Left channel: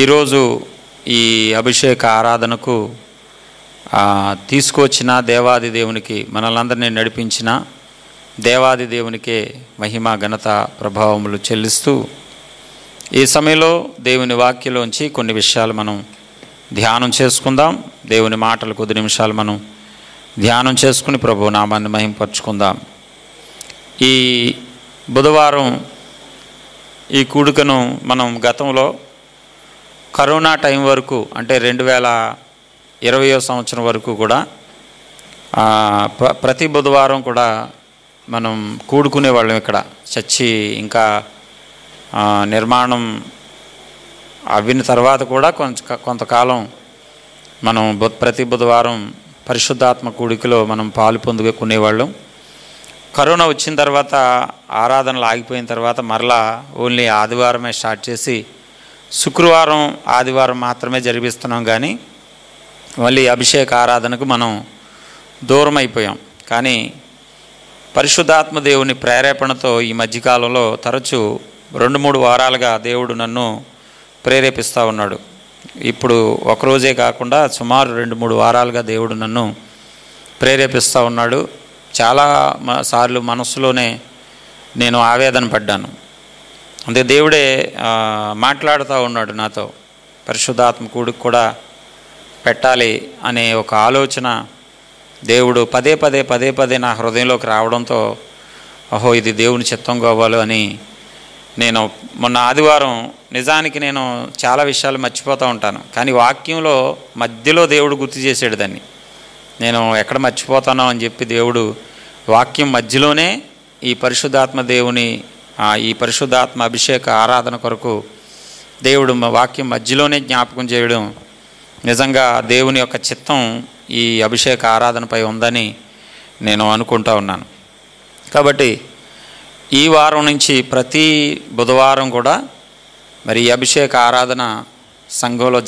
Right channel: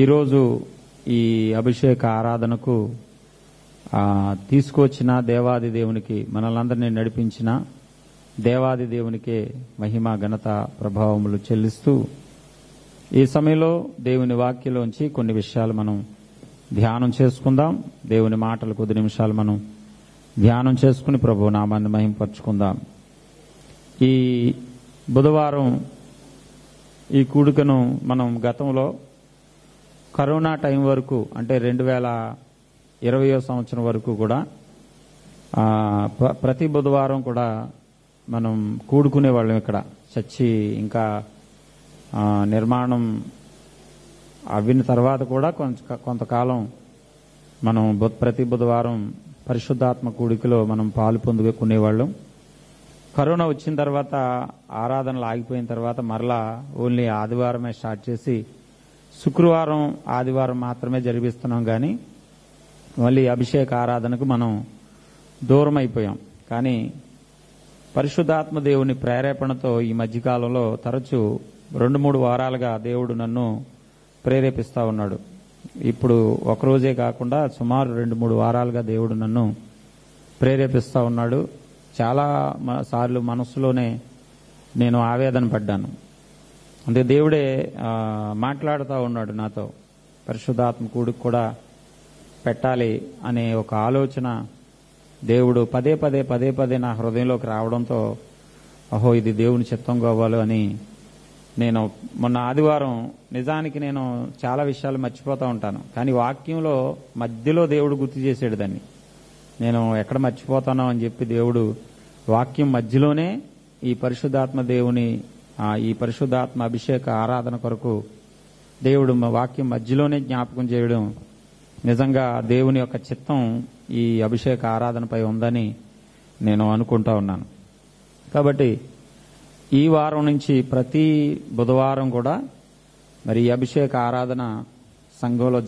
ఈరోజు ఈ అభిషేక ఆరాధనకు తీసుకొచ్చిన దేవాది దేవునికి, మనలందరినీ నడిపించిన దేవాది దేవునికే మహిమ ఘనత ప్రభావములు చెల్లిస్తూ ఈ సమయంలో దేవుని వాక్యలోంచి కొన్ని విషయాలు మనం ధ్యానం చేసుకుందాం. దేవుని మాటలు కొద్ది నిమిషాలు మనం ధ్యానం చేసుకుని ప్రభు నామాన్ని మహింపరచుకుందాం. ఈ బుధవారం ఈ కూడికను మనం గతంలో కరోనా టైం వరకు, అంటే 2020వ సంవత్సరం వరకు కూడా ప్రతి బుధవారం కూడా మనం కూడుకునే వాళ్ళం. ఇక్కడ చర్చి ఇంకా నిర్మాణం అవిన తర్వాత కూడా కొంతకాలం మనం ప్రతి బుధవారం పరిశుద్ధాత్మ కూడికలో మనం పాలు పొందుకునేవాళ్ళం. కరోనా వచ్చిన తర్వాత ఆరాధనలు ఆగిపోయిన తర్వాత మరలా ఓన్లీ ఆదివారమే స్టార్ట్ చేసి శుక్రవారం ఆదివారం మాత్రమే జరిపిస్తున్నాం. కానీ మళ్ళీ అభిషేక ఆరాధనకు మనం దూరం అయిపోయాం. కానీ పరిశుద్ధాత్మ దేవుని ప్రేరేపణతో ఈ మధ్యకాలంలో తరచూ 2-3 వారాలుగా దేవుడు నన్ను ప్రేరేపిస్తూ ఉన్నాడు. ఇప్పుడు ఒకరోజే కాకుండా సుమారు 2-3 వారాలుగా దేవుడు నన్ను ప్రేరేపిస్తూ ఉన్నాడు. చాలా సార్లు మనసులోనే నేను ఆవేదన పడ్డాను. అందుకే దేవుడే మాట్లాడుతూ ఉన్నాడు నాతో. పరిశుద్ధాత్మ కూడికి కూడా పెట్టాలి అనే ఒక ఆలోచన దేవుడు పదే పదే నా హృదయంలోకి రావడంతో, ఓహో ఇది దేవుని చిత్తం కావాలి అని నేను మొన్న ఆదివారం, నిజానికి నేను చాలా విషయాలు మర్చిపోతూ ఉంటాను, కానీ వాక్యంలో మధ్యలో దేవుడు గుర్తు చేసాడు దాన్ని. నేను ఎక్కడ మర్చిపోతానో అని చెప్పి దేవుడు వాక్యం మధ్యలోనే ఈ పరిశుద్ధాత్మ దేవుని ఈ పరిశుద్ధాత్మ అభిషేక ఆరాధన కొరకు దేవుడు వాక్యం మధ్యలోనే జ్ఞాపకం చేయడం నిజంగా దేవుని యొక్క చిత్తం ఈ అభిషేక ఆరాధనపై ఉందని నేను అనుకుంటా ఉన్నాను. కాబట్టి ఈ వారం నుంచి ప్రతి బుధవారం కూడా మరి ఈ అభిషేక ఆరాధన సంఘంలో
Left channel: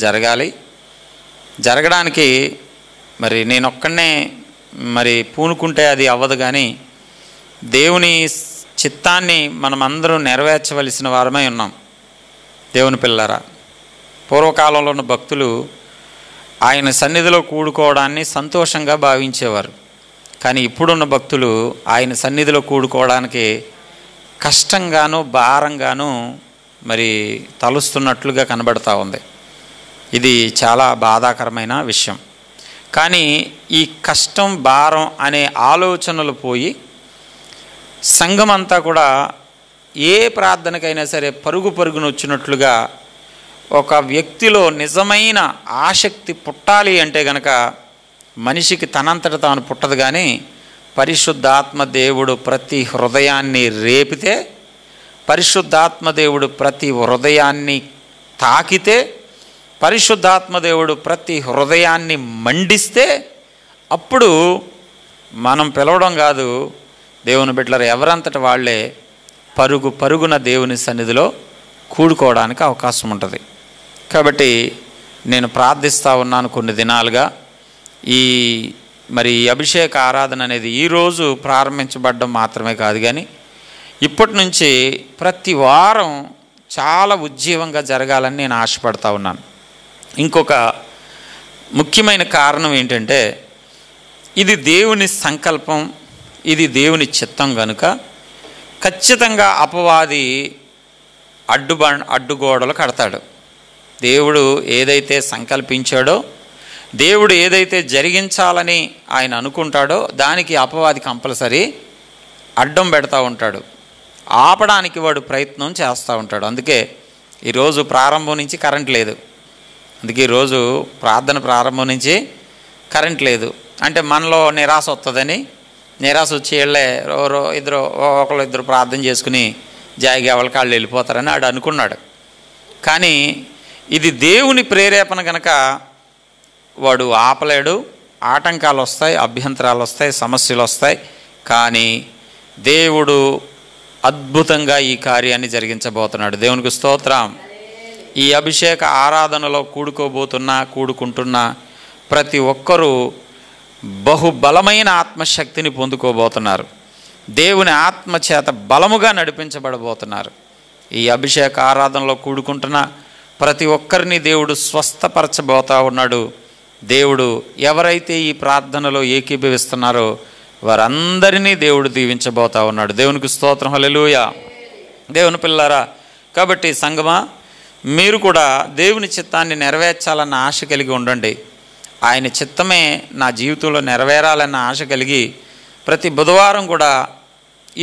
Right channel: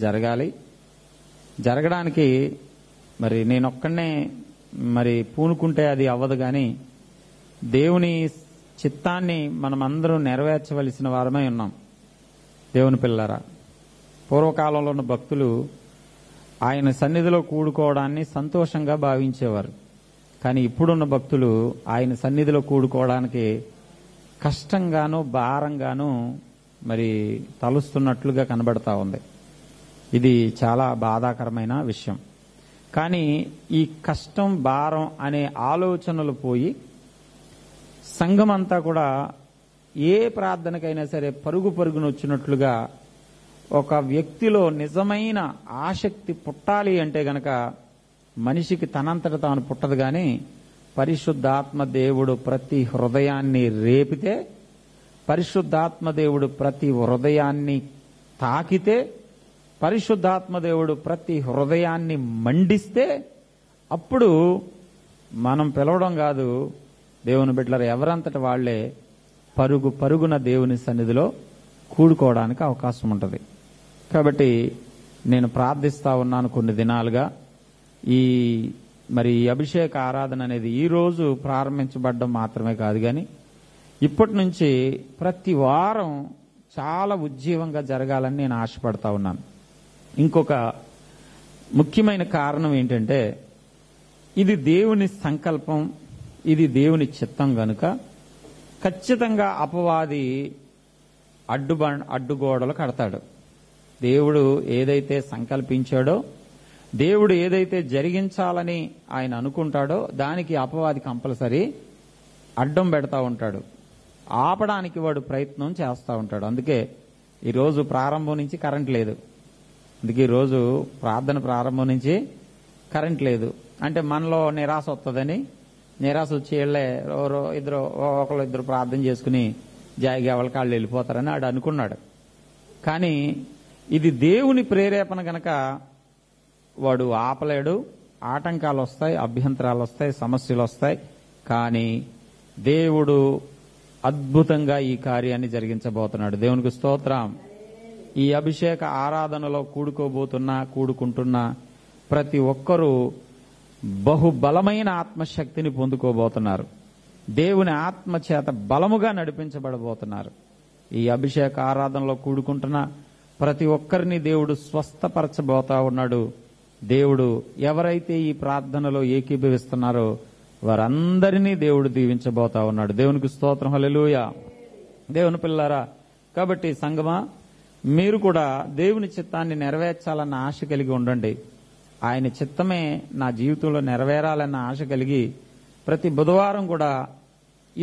జరగడానికి మరి నేనొక్కనే మరి పూనుకుంటే అది అవ్వదు. కానీ దేవుని చిత్తాన్ని మనమందరం నెరవేర్చవలసిన వారమై ఉన్నాం. దేవుని పిల్లరా, పూర్వకాలంలో ఉన్న భక్తులు ఆయన సన్నిధిలో కూడుకోవడాన్ని సంతోషంగా భావించేవారు. కానీ ఇప్పుడున్న భక్తులు ఆయన సన్నిధిలో కూడుకోవడానికి కష్టంగాను భారంగాను మరి తలుస్తున్నట్లుగా కనబడతా ఉంది. ఇది చాలా బాధాకరమైన విషయం. కానీ ఈ కష్టం భారం అనే ఆలోచనలు పోయి సంఘమంతా కూడా ఏ ప్రార్థనకైనా సరే పరుగున వచ్చినట్లుగా ఒక వ్యక్తిలో నిజమైన ఆసక్తి పుట్టాలి అంటే గనక మనిషికి తనంతట తాను పుట్టదు. కానీ పరిశుద్ధాత్మ దేవుడు ప్రతి హృదయాన్ని రేపితే, పరిశుద్ధాత్మ దేవుడు ప్రతి హృదయాన్ని తాకితే, పరిశుద్ధాత్మ దేవుడు ప్రతి హృదయాన్ని మండిస్తే అప్పుడు మనం పిలవడం కాదు, దేవుని బిడ్డలారా ఎవరంతట వాళ్ళే పరుగున దేవుని సన్నిధిలో కూడుకోవడానికి అవకాశం ఉంటుంది. కాబట్టి నేను ప్రార్థిస్తూ ఉన్నాను కొన్ని దినాలుగా. మరి అభిషేక ఆరాధన అనేది ఈరోజు ప్రారంభించబడడం మాత్రమే కాదు, కానీ ఇప్పటి నుంచి ప్రతి వారం చాలా ఉజ్జీవంగా జరగాలని నేను ఆశపడతా ఉన్నాను. ఇంకొక ముఖ్యమైన కారణం ఏంటంటే, ఇది దేవుని సంకల్పం, ఇది దేవుని చిత్తం కనుక ఖచ్చితంగా అపవాది అడ్డుగోడలు కడతాడు. దేవుడు ఏదైతే సంకల్పించాడో, దేవుడు ఏదైతే జరిగించాలని ఆయన అనుకుంటాడో దానికి అపవాది కంపల్సరీ అడ్డం పెడతా ఉంటాడు. ఆపడానికి వాడు ప్రయత్నం చేస్తూ ఉంటాడు. అందుకే ఈరోజు ప్రారంభం నుంచి కరెంట్ లేదు. అందుకే ఈరోజు ప్రార్థన ప్రారంభం నుంచి కరెంట్ లేదు. అంటే మనలో నిరాశ వస్తుందని, నిరాశ వచ్చి వెళ్ళే ఒకళ్ళు ప్రార్థన చేసుకుని జాయిగా వాళ్ళ కాళ్ళు వెళ్ళిపోతారని ఆడు అనుకున్నాడు. కానీ ఇది దేవుని ప్రేరేపణ కనుక వాడు ఆపలేడు. ఆటంకాలు వస్తాయి, అభ్యంతరాలు వస్తాయి, సమస్యలు వస్తాయి. కానీ దేవుడు అద్భుతంగా ఈ కార్యాన్ని జరిగించబోతున్నాడు. దేవునికి స్తోత్రం. ఈ అభిషేక ఆరాధనలో కూడుకుంటున్న ప్రతి ఒక్కరూ బహుబలమైన ఆత్మశక్తిని పొందుకోబోతున్నారు. దేవుని ఆత్మ చేత బలముగా నడిపించబడబోతున్నారు. ఈ అభిషేక ఆరాధనలో కూడుకుంటున్న ప్రతి ఒక్కరిని దేవుడు స్వస్థపరచబోతా ఉన్నాడు. దేవుడు ఎవరైతే ఈ ప్రార్థనలో ఏకీభవిస్తున్నారో వారందరినీ దేవుడు దీవించబోతా ఉన్నాడు. దేవునికి స్తోత్రం, హల్లెలూయా. దేవుని పిల్లారా, కాబట్టి సంగమా, మీరు కూడా దేవుని చిత్తాన్ని నెరవేర్చాలన్న ఆశ కలిగి ఉండండి. ఆయన చిత్తమే నా జీవితంలో నెరవేరాలన్న ఆశ కలిగి ప్రతి బుధవారం కూడా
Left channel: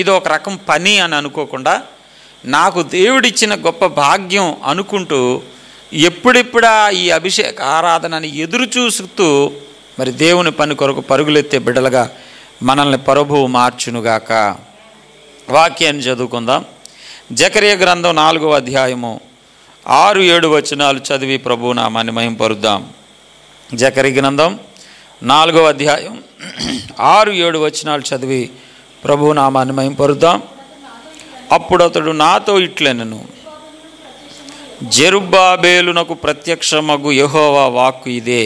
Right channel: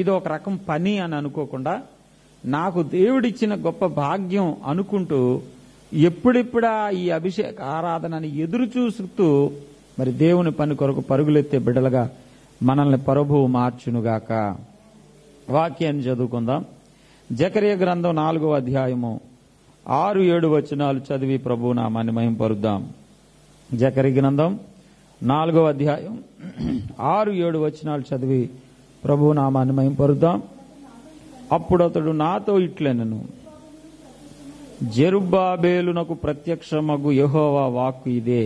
ఇది ఒక రకం పని అని అనుకోకుండా, నాకు దేవుడిచ్చిన గొప్ప భాగ్యం అనుకుంటూ ఎప్పుడెప్పుడా ఈ అభిషేక ఆరాధనని ఎదురు చూస్తూ మరి దేవుని పని కొరకు పరుగులెత్తే బిడ్డలుగా మనల్ని ప్రభువు మార్చునుగాక. వాక్యాన్ని చదువుకుందాం. జకరియా గ్రంథం 4వ అధ్యాయము 6-7 వచనాలు చదివి ప్రభువు నామాన్ని మహింపరుద్దాం. జకరియా గ్రంథం 4వ అధ్యాయం 6-7 వచనాలు చదివి ప్రభువు నామాన్ని మహింపరుద్దాం. అప్పుడు అతడు నాతో ఇట్లనెను, జెరుబ్బాబేలునకు ప్రత్యక్షమగు యెహోవా వాక్కు ఇదే,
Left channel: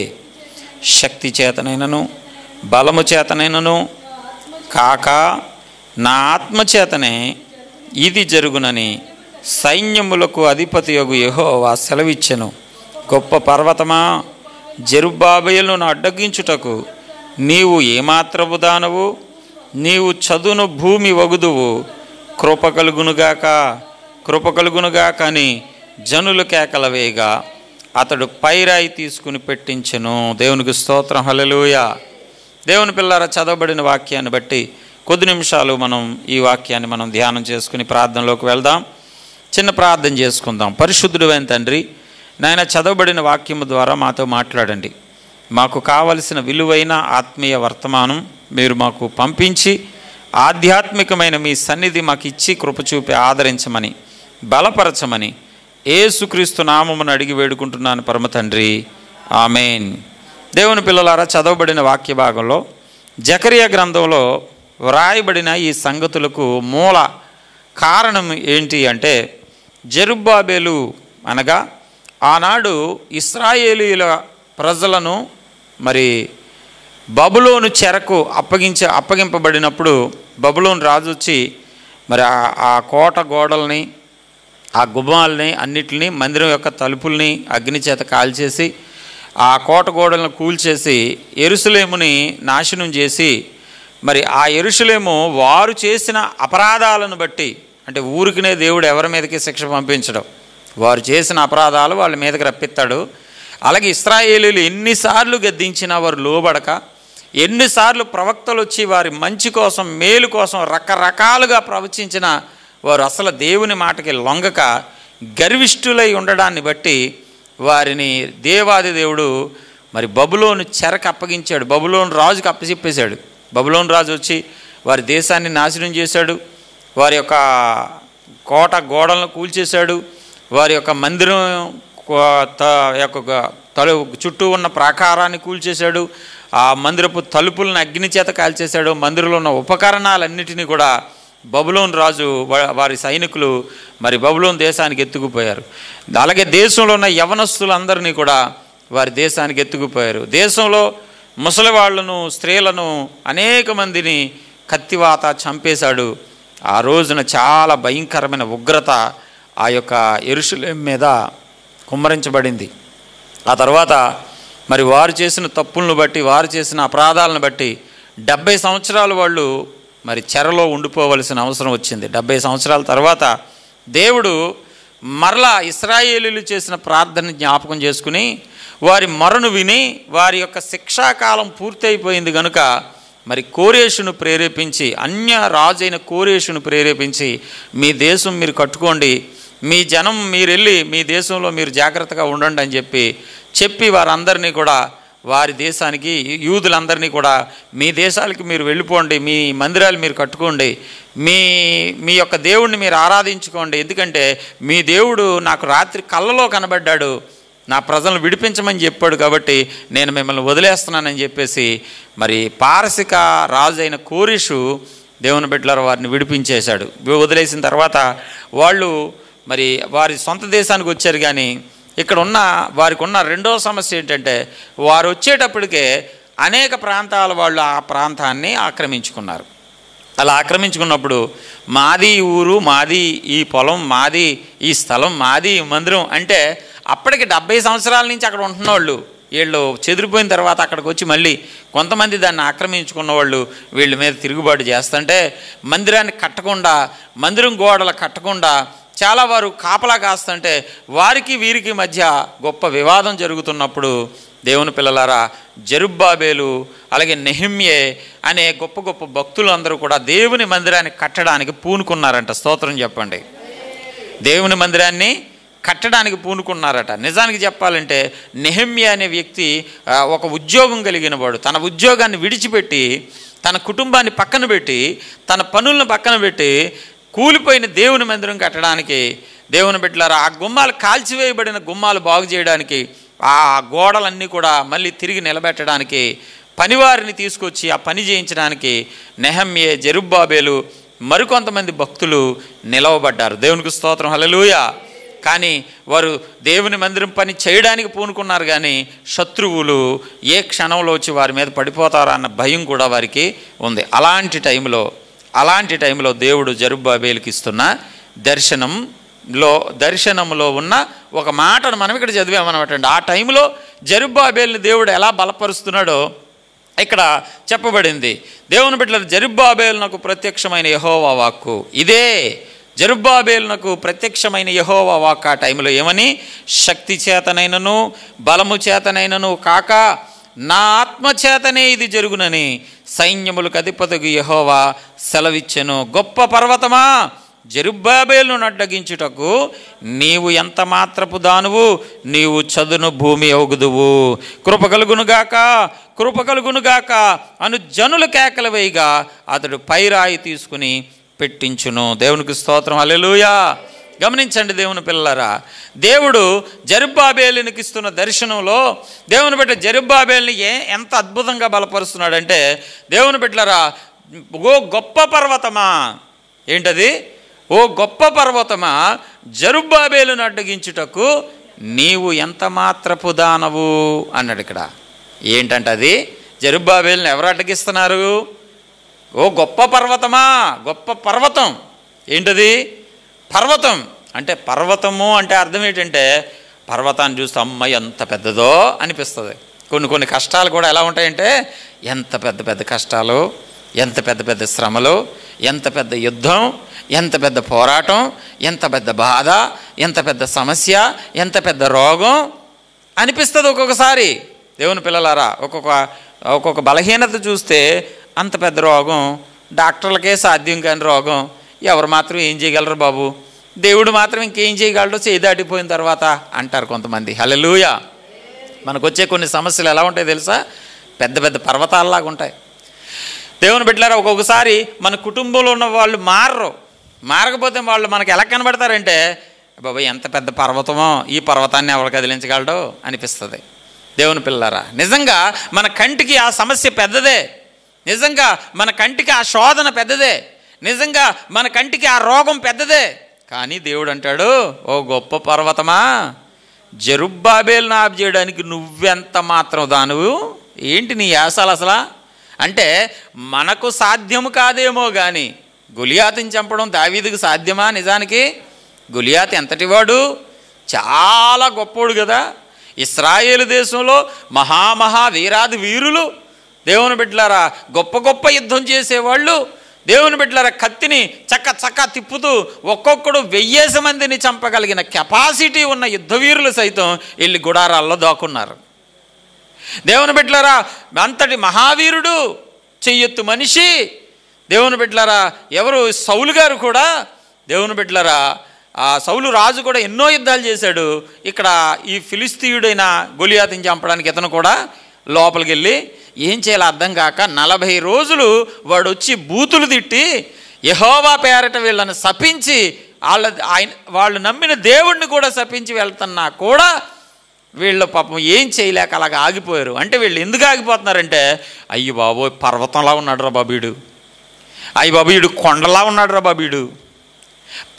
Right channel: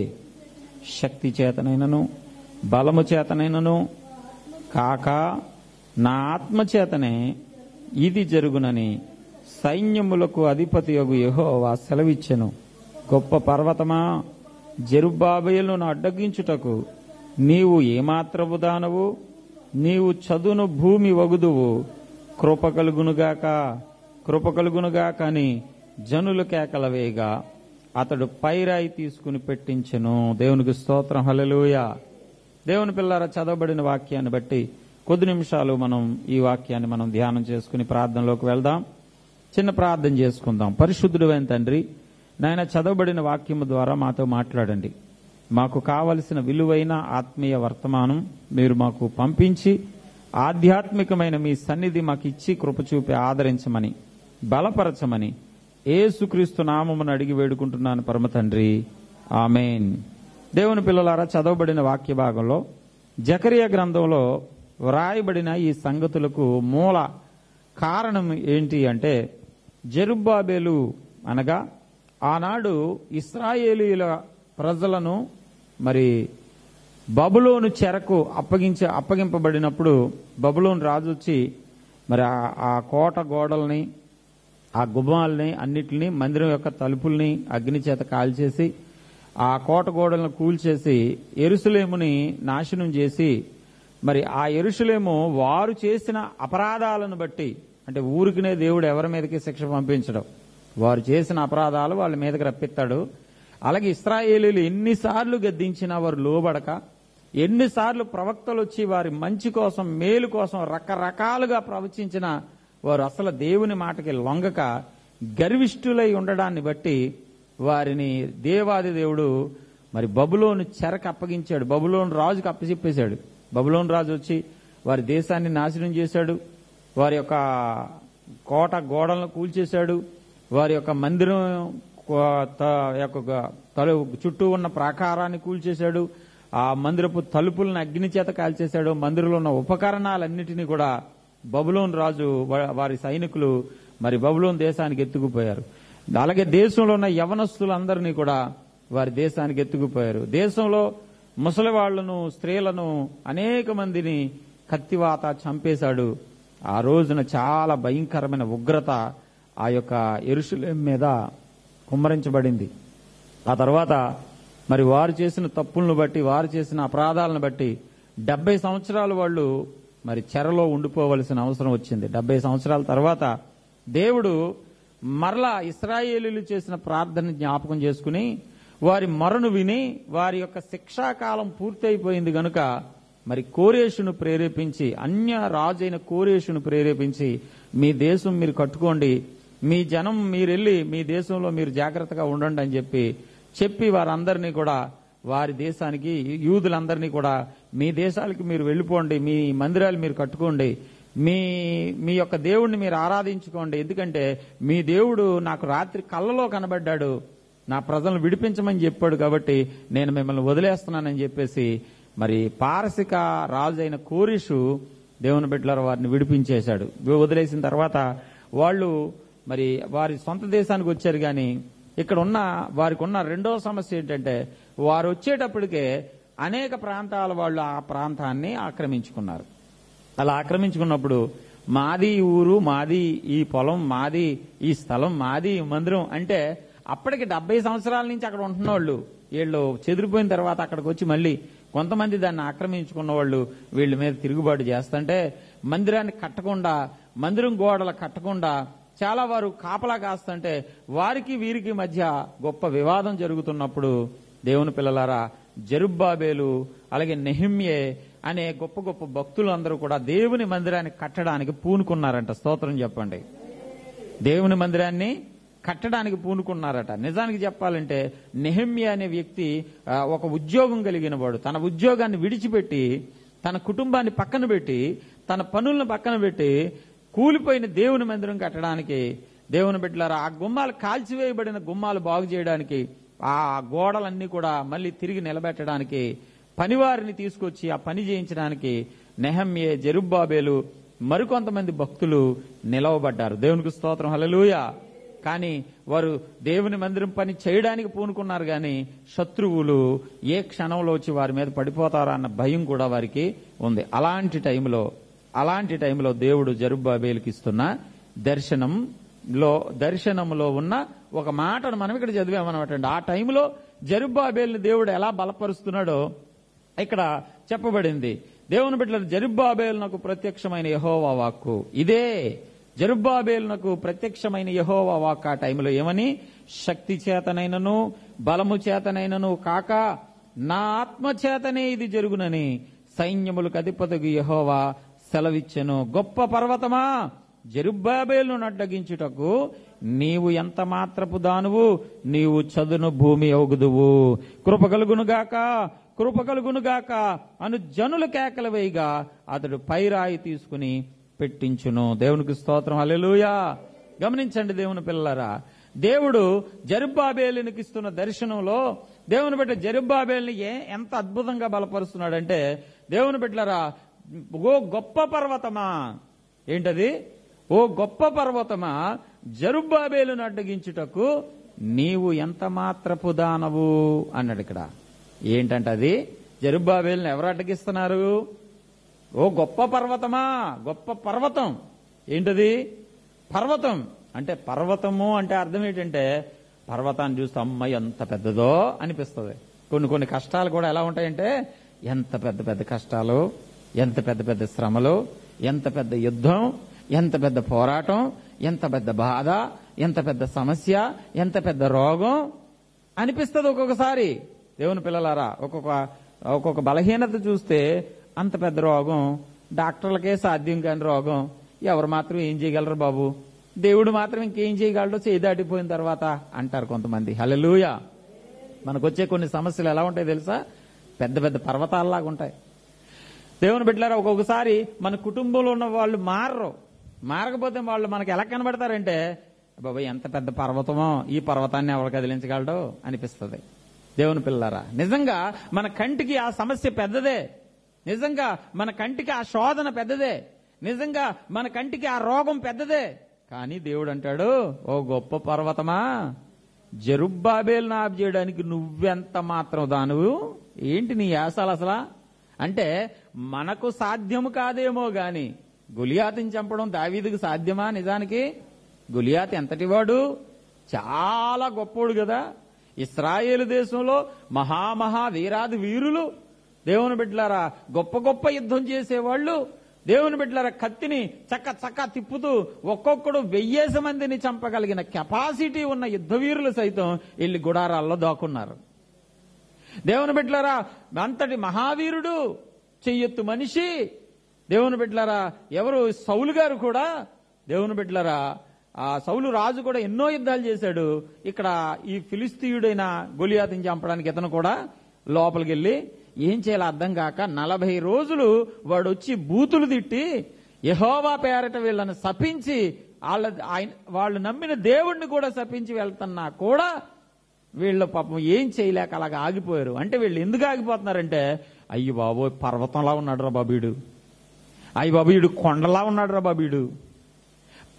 శక్తి చేతనైనను బలము చేతనైనను కాక నా ఆత్మచేతనే ఇది జరుగునని సైన్యములకు అధిపతియగు యెహోవా సెలవిచ్చెను. గొప్ప పర్వతమా, జెరుబ్బాబేలును అడ్డగించుటకు నీవు ఏమాత్రము దానవు? నీవు చదును భూమి వగుదువు. కృప కలుగునుగాక, కృప కలుగునుగాక అని జనులు కేకలవేగా అతడు పైరాయి తీసుకుని పెట్టించెను. దేవునికి స్తోత్రం, హల్లెలూయా. దేవుని పిల్లారా, చదవబడిన వాక్యాన్ని బట్టి కొద్ది నిమిషాలు మనం ఈ వాక్యాన్ని మనం ధ్యానం చేసుకుని ప్రార్థనలోకి వెళ్దాం. చిన్న ప్రార్థన చేసుకుందాం. పరిశుద్ధుడైన తండ్రి, నాయన, చదవబడిన వాక్యము ద్వారా మాతో మాట్లాడండి. మాకు కావలసిన విలువైన ఆత్మీయ వర్తమానం మీరు మాకు పంపించి ఆధ్యాత్మికమైన మీ సన్నిధి మాకు ఇచ్చి కృప చూపి ఆదరించమని, బలపరచమని యేసుక్రీస్తు నామమును అడిగి వేడుకుంటున్నాను పరమ తండ్రి, ఆమెన్. దేవుని పిల్లలారా, చదవబడిన వాక్య భాగంలో జకరియా గ్రంథంలో వ్రాయబడిన ఈ సంగతులకు మూల కారణం ఏంటి అంటే, జెరుబ్బాబేలు అనగా ఆనాడు ఇశ్రాయేలీయుల ప్రజలను మరి బబులోను చెరకు అప్పగింపబడినప్పుడు బబులోను రాజు వచ్చి మరి ఆ కోట గోడల్ని, ఆ గుమ్మాలని అన్నిటిని, మందిరం యొక్క తలుపుల్ని అగ్ని చేత కాల్చేసి ఆ కోట గోడలను కూల్చేసి యెరూషలేముని నాశనం చేసి, మరి ఆ యెరూషలేము వారు చేసిన అపరాధాలను బట్టి, అంటే ఊరికినే దేవుడు ఎవరి మీదకి శిక్ష పంపించడం, వారు చేసిన అపరాధాలు వాళ్ళ మీదకి రప్పిస్తాడు. అలాగే ఇశ్రాయేలీయులు ఎన్నిసార్లు గద్దించినా వారు లోబడక, ఎన్నిసార్లు ప్రవక్తలు వచ్చి వారి మంచి కోసం, మేలు కోసం రకరకాలుగా ప్రవచించిన వారు అసలు దేవుని మాటకి లొంగక గర్విష్ఠులై ఉండడాన్ని బట్టి వారిని దేవాది దేవుడు మరి బబులోను చెరకు అప్పగించాడు. బబులోను రాజుకి అప్పచెప్పేశాడు. బబులోను రాజు వచ్చి వారి దేశాన్ని నాశనం చేశాడు. వారి యొక్క కోట గోడలను కూల్చేశాడు. వారి యొక్క మందిరం చుట్టూ ఉన్న ప్రాకారాన్ని కూల్చేశాడు. ఆ మందిరపు తలుపులను అగ్ని చేత కాల్చేశాడు. మందిరంలో ఉన్న ఉపకరణాలన్నిటినీ కూడా బబులోను రాజు వారి సైనికులు మరి బబులోను దేశానికి ఎత్తుకుపోయారు. అలాగే దేశంలో ఉన్న యవనస్తులందరినీ కూడా వారి దేశానికి ఎత్తుకుపోయారు. దేశంలో ముసలివాళ్లను, స్త్రీలను, అనేక మందిని కత్తివాత చంపేశాడు. ఆ రోజున చాలా భయంకరమైన ఉగ్రత ఆ యొక్క యెరూషలేము మీద కుమ్మరించబడింది. ఆ తర్వాత మరి వారు చేసిన తప్పులను బట్టి, వారు చేసిన అపరాధాలను బట్టి 70 సంవత్సరాలు వాళ్ళు మరి చెరలో ఉండిపోవలసిన అవసరం వచ్చింది. 70 సంవత్సరాల తర్వాత దేవుడు మరలా ఇశ్రాయేలీయులు చేసిన ప్రార్థన జ్ఞాపకం చేసుకుని వారి మొరను విని, వారి యొక్క శిక్షాకాలం పూర్తయిపోయింది కనుక మరి కోరేషును ప్రేరేపించి, అన్య రాజైన కోరేషును ప్రేరేపించి, మీ దేశం మీరు కట్టుకోండి, మీ జనం మీరు వెళ్ళి మీ దేశంలో మీరు జాగ్రత్తగా ఉండండి అని చెప్పి వారందరినీ కూడా వారి దేశానికి, యూదులందరినీ కూడా మీ దేశాలకి మీరు వెళ్ళిపోండి, మీ మందిరాలు మీరు కట్టుకోండి, మీ యొక్క దేవుడిని మీరు ఆరాధించుకోండి, ఎందుకంటే మీ దేవుడు నాకు రాత్రి కళ్ళలో కనబడ్డాడు, నా ప్రజలను విడిపించమని చెప్పాడు, కాబట్టి నేను మిమ్మల్ని వదిలేస్తున్నానని చెప్పేసి మరి పారసిక రాజు అయిన కోరేషు దేవుని బిడ్డలారా వారిని విడిపించేశాడు. వదిలేసిన తర్వాత వాళ్ళు మరి వారి సొంత దేశానికి వచ్చారు. కానీ ఇక్కడ ఉన్న వారికి ఉన్న రెండో సమస్య ఏంటంటే, వారు వచ్చేటప్పటికే అనేక ప్రాంతాల వాళ్ళు ఆ ప్రాంతాన్ని ఆక్రమించుకున్నారు. అలా ఆక్రమించుకున్నప్పుడు మాది ఊరు, మాది ఈ పొలం, మాది ఈ స్థలం, మాది మందిరం అంటే అప్పటికి 70 సంవత్సరాల నుంచి అక్కడ ఉంటున్న వాళ్ళు, వీళ్ళు చెదిరిపోయిన తర్వాత అక్కడికి వచ్చి మళ్ళీ కొంతమంది దాన్ని ఆక్రమించుకున్న వాళ్ళు వీళ్ళ మీద తిరుగుబాటు చేస్తుంటే మందిరాన్ని కట్టకుండా, మందిరం గోడలు కట్టకుండా చాలా వారు కాపలా కాస్తుంటే వారికి వీరికి మధ్య గొప్ప వివాదం జరుగుతున్నప్పుడు దేవుని పిల్లలారా, జెరుబ్బాబేలు అలాగే నెహెమ్యే అనే గొప్ప గొప్ప భక్తులు అందరూ కూడా దేవుని మందిరాన్ని కట్టడానికి పూనుకున్నారంట. స్తోత్రం చెప్పండి. దేవుని మందిరాన్ని కట్టడానికి పూనుకున్నారట. నిజానికి చెప్పాలంటే నెహెమ్యా అనే వ్యక్తి ఒక ఉద్యోగం కలిగిన వాడు. తన ఉద్యోగాన్ని విడిచిపెట్టి, తన కుటుంబాన్ని పక్కన పెట్టి, తన పనులను పక్కన పెట్టి కూలిపోయిన దేవుని మందిరం కట్టడానికి, దేవుని బిడ్డలారా ఆ గుమ్మాలు కాల్చివేయబడిన గుమ్మాలు బాగు చేయడానికి, ఆ గోడలన్నీ కూడా మళ్ళీ తిరిగి నిలబెట్టడానికి పనివారిని తీసుకొచ్చి ఆ పని చేయించడానికి నెహెమ్యా, జెరుబ్బాబేలు మరికొంతమంది భక్తులు నిలవబడ్డారు. దేవునికి స్తోత్రం, హల్లెలూయా. కానీ వారు దేవుని మందిరం పని చేయడానికి పూనుకున్నారు, కానీ శత్రువులు ఏ క్షణంలో వచ్చి వారి మీద పడిపోతారా అన్న భయం కూడా వారికి ఉంది. అలాంటి టైంలో దేవుడు జెరుబ్బాబేలుకి ఇస్తున్న దర్శనంలో ఉన్న ఒక మాటను మనం ఇక్కడ చదివామన్నమాట. ఆ టైంలో జెరుబ్బాబేలుని దేవుడు ఎలా బలపరుస్తున్నాడో ఇక్కడ చెప్పబడింది. దేవుని బిడ్డలారా, జెరుబ్బాబేలునకు ప్రత్యక్షమైన యెహోవా వాక్కు ఇదే. జెరుబ్బాబేలునకు ప్రత్యక్షమైన యెహోవా వాక్కు ఆ టైంలో ఏమని? శక్తి చేతనైనను బలము చేతనైనను కాక నా ఆత్మ చేతనే ఇది జరుగునని సైన్యములకు అధిపతికి యెహోవా సెలవిచ్చెను. గొప్ప పర్వతమా, జెరుబ్బాబేలును అడ్డగించుటకు నీవు ఎంత మాత్రపు దానువు, నీవు చదును భూమి ఒగుదువు. కృప కలుగునుగాక అను జనుల కేకలు వేయగా అతడు పైరాయి తీసుకుని పెట్టించును. దేవునికి స్తోత్రం, హల్లెలూయా. గమనించండి దేవుని పిల్లలారా, దేవుడు జెరుబ్బాబేలునికి ఇస్తున్న దర్శనంలో దేవుని బిడ్డ జెరుబ్బాబేలుని ఎంత అద్భుతంగా బలపరుస్తున్నాడంటే, దేవుని బిడ్డలారా, ఓ గొప్ప పర్వతమా, ఏంటది? ఓ గొప్ప పర్వతమా, జెరుబ్బాబేలును అడ్డగించుటకు నీవు ఎంత మాత్రపు దానవు అన్నాడు. ఇక్కడ ఏంటంటే అది జెరుబ్బాబేలుని ఎవరు అడ్డగిస్తున్నారు? ఓ గొప్ప పర్వతమా, గొప్ప పర్వతం. ఏంటది? పర్వతం అంటే, పర్వతము అంటే అర్థం ఏంటంటే, పర్వతాన్ని చూస్తే అమ్మ ఎంత పెద్దదో అనిపిస్తుంది. కొన్ని కష్టాలు కూడా ఎలా ఉంటాయంటే, ఎంత పెద్ద కష్టాలు, ఎంత పెద్ద శ్రమలు, ఎంత పెద్ద యుద్ధం, ఎంత పెద్ద పోరాటం, ఎంత పెద్ద బాధ, ఎంత పెద్ద సమస్య, ఎంత పెద్ద రోగం అనిపిస్తుంది ఒక్కొక్కసారి. దేవుని పిల్లలారా, ఒక్కొక్క బలహీనత చూస్తే అంత పెద్ద రోగం, డాక్టర్లకే సాధ్యం కాని రోగం, ఎవరు మాత్రం ఏం చేయగలరు బాబు, దేవుడు మాత్రం ఇంకేం చేయగలడో చేయి దాటిపోయిన తర్వాత అంటారు కొంతమంది. హల్లెలూయా. మనకు వచ్చే కొన్ని సమస్యలు ఎలా ఉంటాయి తెలుసా? పెద్ద పర్వతాలలాగా ఉంటాయి. దేవుని బిడ్డలారా, ఒక్కొక్కసారి మన కుటుంబంలో ఉన్న వాళ్ళు మారకపోతే వాళ్ళు మనకు ఎలా కనబడతారంటే, బాబాయ్ ఎంత పెద్ద పర్వతమో, ఈ పర్వతాన్ని ఎవరు కదిలించగలడో అనిపిస్తుంది. దేవుని పిల్లలారా, నిజంగా మన కంటికి ఆ సమస్య పెద్దదే, నిజంగా మన కంటికి ఆ శోధన పెద్దదే, నిజంగా మన కంటికి ఆ రోగం పెద్దదే. కానీ దేవుడు అంటాడు, ఓ గొప్ప పర్వతమా, జెరుబ్బాబేలును ఆపు చేయడానికి నువ్వెంత మాత్రం దానువు. ఏంటి నీ యాసాలు అసలా? అంటే మనకు సాధ్యము కాదేమో కానీ గొలియాతుని చంపడం దావీదుకు సాధ్యమా? నిజానికి గొలియాతు ఎంతటివాడు? చాలా గొప్పోడు కదా. ఇశ్రాయేలు దేశంలో వీరాది వీరులు, దేవుని బిడ్డలారా, గొప్ప యుద్ధం చేసేవాళ్ళు, దేవుని బిడ్డలారా, కత్తిని చక్క తిప్పుతూ ఒక్కొక్కడు 1000 మందిని చంపగలిగిన కెపాసిటీ ఉన్న యుద్ధవీరులు సైతం వెళ్ళి గుడారాల్లో దాక్కున్నారు. దేవుని బిడ్డలారా, అంతటి మహావీరుడు, చెయ్యెత్తు మనిషి, దేవుని బిడ్డలారా, ఎవరు? సౌలు గారు కూడా. దేవుని బిడ్డలారా, ఆ సౌలు రాజు కూడా ఎన్నో యుద్ధాలు చేశాడు. ఇక్కడ ఈ ఫిలిస్తీయుడైన గొలియాతుని చంపడానికి ఇతను కూడా లోపలికి వెళ్ళి ఏం చేయాలో అర్థం కాక 40 రోజులు వాడు వచ్చి బూతులు తిట్టి యెహోవా పేరట వీళ్ళని శపించి వాళ్ళు నమ్మిన దేవుణ్ణి కూడా శపించి వెళ్తున్నా కూడా వీళ్ళు పాపం ఏం చేయలేక అలాగ ఆగిపోయారు. అంటే వీళ్ళు ఎందుకు ఆగిపోతున్నారంటే, అయ్యి బాబోయ్ పర్వతంలా ఉన్నాడు రా బాబీడు, అయ్యి బాబు వీడు కొండలా ఉన్నాడు రా బాబీడు,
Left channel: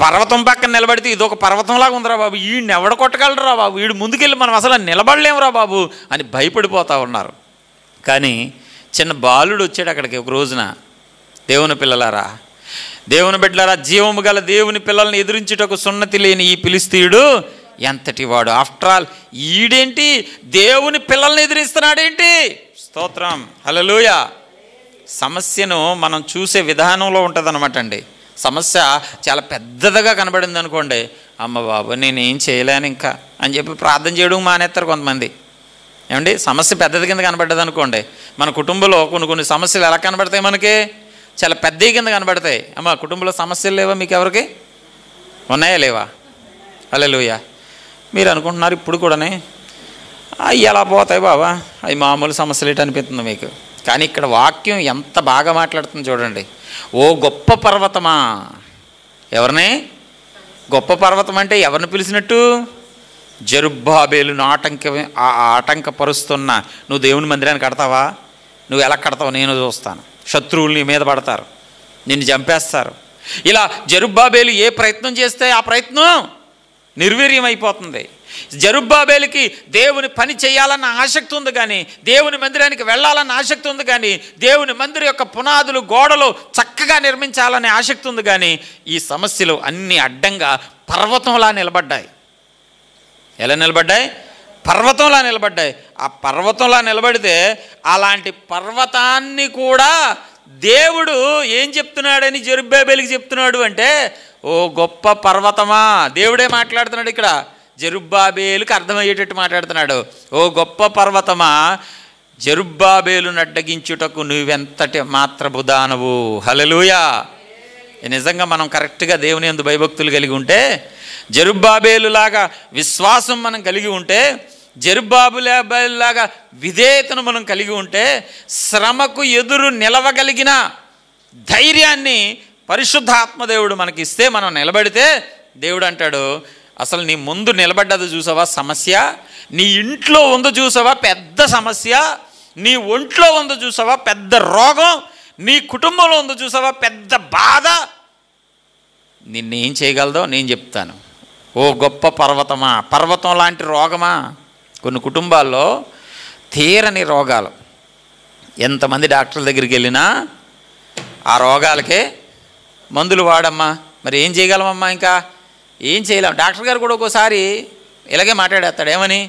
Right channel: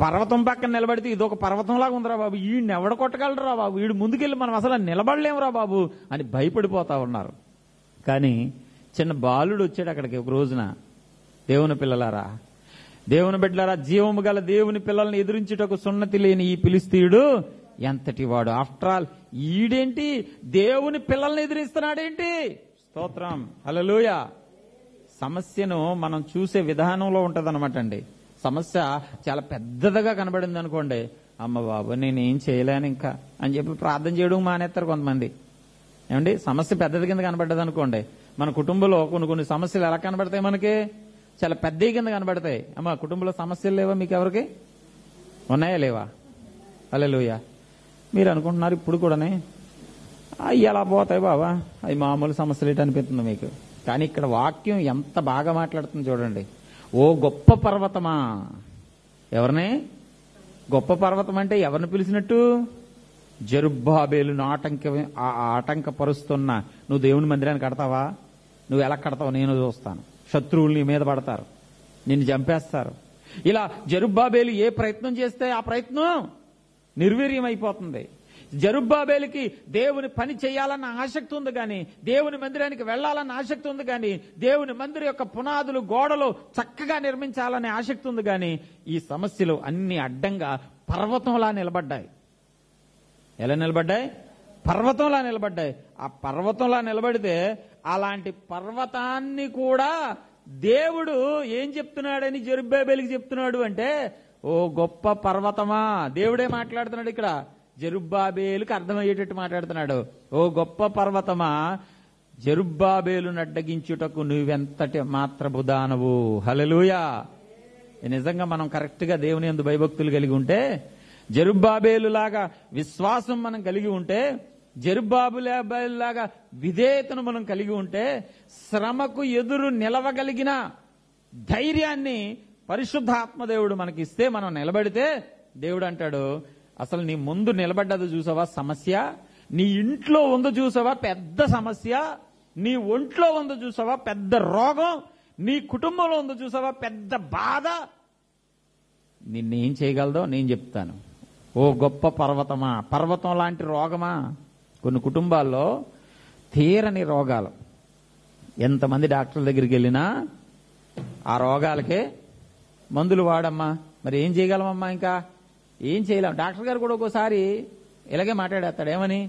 పర్వతం పక్కన నిలబడితే ఇదొక పర్వతంలాగా ఉందిరా బాబు, వీడిని ఎవడ కొట్టగలరా బాబు, వీడు ముందుకెళ్ళి మనం అసలు నిలబడలేమురా బాబు అని భయపడిపోతూ ఉన్నారు. కానీ చిన్న బాలుడు వచ్చాడు అక్కడికి ఒక రోజున. దేవుని పిల్లలారా, దేవుని బిడ్డలారా, జీవము గల దేవుని పిల్లల్ని ఎదిరించుటకు సున్నతి లేని ఈ ఫిలిస్తీయుడు ఎంతటి వాడు. ఆఫ్టర్ ఆల్ ఈడేంటి దేవుని పిల్లల్ని ఎదిరిస్తున్నాడేంటి? స్తోత్రం, హల్లెలూయా. సమస్యను మనం చూసే విధానంలో ఉంటుందన్నమాట అండి. సమస్య చాలా పెద్దదిగా కనబడింది అనుకోండి, అమ్మ బాబు నేనేం చేయలేను ఇంకా అని చెప్పి ప్రార్థన చేయడం మానేస్తారు కొంతమంది. ఏమండి, సమస్య పెద్దది కింద కనబడ్డది అనుకోండి, మన కుటుంబంలో కొన్ని సమస్యలు ఎలా కనబడతాయి? మనకి చాలా పెద్దవి కింద కనబడతాయి. అమ్మ కుటుంబంలో సమస్యలు లేవా? మీకు ఎవరికి ఉన్నాయా లేవా? హల్లెలూయా. మీరు అనుకుంటున్నారు ఇప్పుడు కూడానే అవి ఎలా పోతాయి బాబా, అవి మామూలు సమస్యలు ఏంటి అనిపిస్తుంది మీకు. కానీ ఇక్కడ వాక్యం ఎంత బాగా మాట్లాడుతుంది చూడండి. ఓ గొప్ప పర్వతమా. ఎవరిని? గొప్ప పర్వతం అంటే ఎవరిని పిలిచినట్టు? జెరుబ్బాబేలును ఆటంకపరుస్తున్న నువ్వు దేవుని మందిరాన్ని కడతావా? నువ్వు ఎలా కడతావు నేను చూస్తాను. శత్రువులు నీ మీద పడతారు, నిన్ను చంపేస్తారు. ఇలా జెరుబ్బాబేలు ఏ ప్రయత్నం చేస్తే ఆ ప్రయత్నం నిర్వీర్యం అయిపోతుంది. జెరుబ్బాబేలుకి దేవుని పని చేయాలన్న ఆసక్తి ఉంది, కానీ దేవుని మందిరానికి వెళ్ళాలన్న ఆసక్తి ఉంది, కానీ దేవుని మందిరం యొక్క పునాదులు గోడలు చక్కగా నిర్మించాలనే ఆసక్తి ఉంది, కానీ ఈ సమస్యలు అన్నీ అడ్డంగా పర్వతంలా నిలబడ్డాయి. ఎలా నిలబడ్డాయి? పర్వతంలా నిలబడ్డాయి. ఆ పర్వతంలా నిలబడితే అలాంటి పర్వతాన్ని కూడా దేవుడు ఏం చెప్తున్నాడని జెరుబ్బాబేలుకి చెప్తున్నాడు అంటే, ఓ గొప్ప పర్వతమా. దేవుడే మాట్లాడుతున్నాడు ఇక్కడ, జెరుబ్బాబేలుకి అర్థమయ్యేటట్టు మాట్లాడుతున్నాడు. ఓ గొప్ప పర్వతమా, జెరుబ్బాబేలును అడ్డగించుటకు నువ్వెంతటి మాత్రపు దానవు. హల్లెలూయా. నిజంగా మనం కరెక్ట్గా దేవుని యందు భయభక్తులు కలిగి ఉంటే, జెరుబ్బాబేలులాగా విశ్వాసం మనం కలిగి ఉంటే, జెరుబ్బాబేలులాగా విధేయతను మనం కలిగి ఉంటే, శ్రమకు ఎదురు నిలవగలిగిన ధైర్యాన్ని పరిశుద్ధాత్మదేవుడు మనకిస్తే, మనం నిలబడితే దేవుడు అంటాడు, అసలు నీ ముందు నిలబడ్డది చూసావా సమస్య, నీ ఇంట్లో ఉందో చూసావా పెద్ద సమస్య, నీ ఒంట్లో ఉందో చూసావా పెద్ద రోగం, నీ కుటుంబంలో ఉందో చూసావా పెద్ద బాధ, నిన్నేం చేయగలదో నేను చెప్తాను. ఓ గొప్ప పర్వతమా. పర్వతం లాంటి రోగమా. కొన్ని కుటుంబాల్లో తీరని రోగాలు, ఎంతమంది డాక్టర్ల దగ్గరికి వెళ్ళినా ఆ రోగాలకే మందులు వాడమ్మా, మరి ఏం చేయగలమమ్మా, ఇంకా ఏం చేయలేం. డాక్టర్ గారు కూడా ఒక్కోసారి ఇలాగే మాట్లాడేస్తాడు, ఏమని,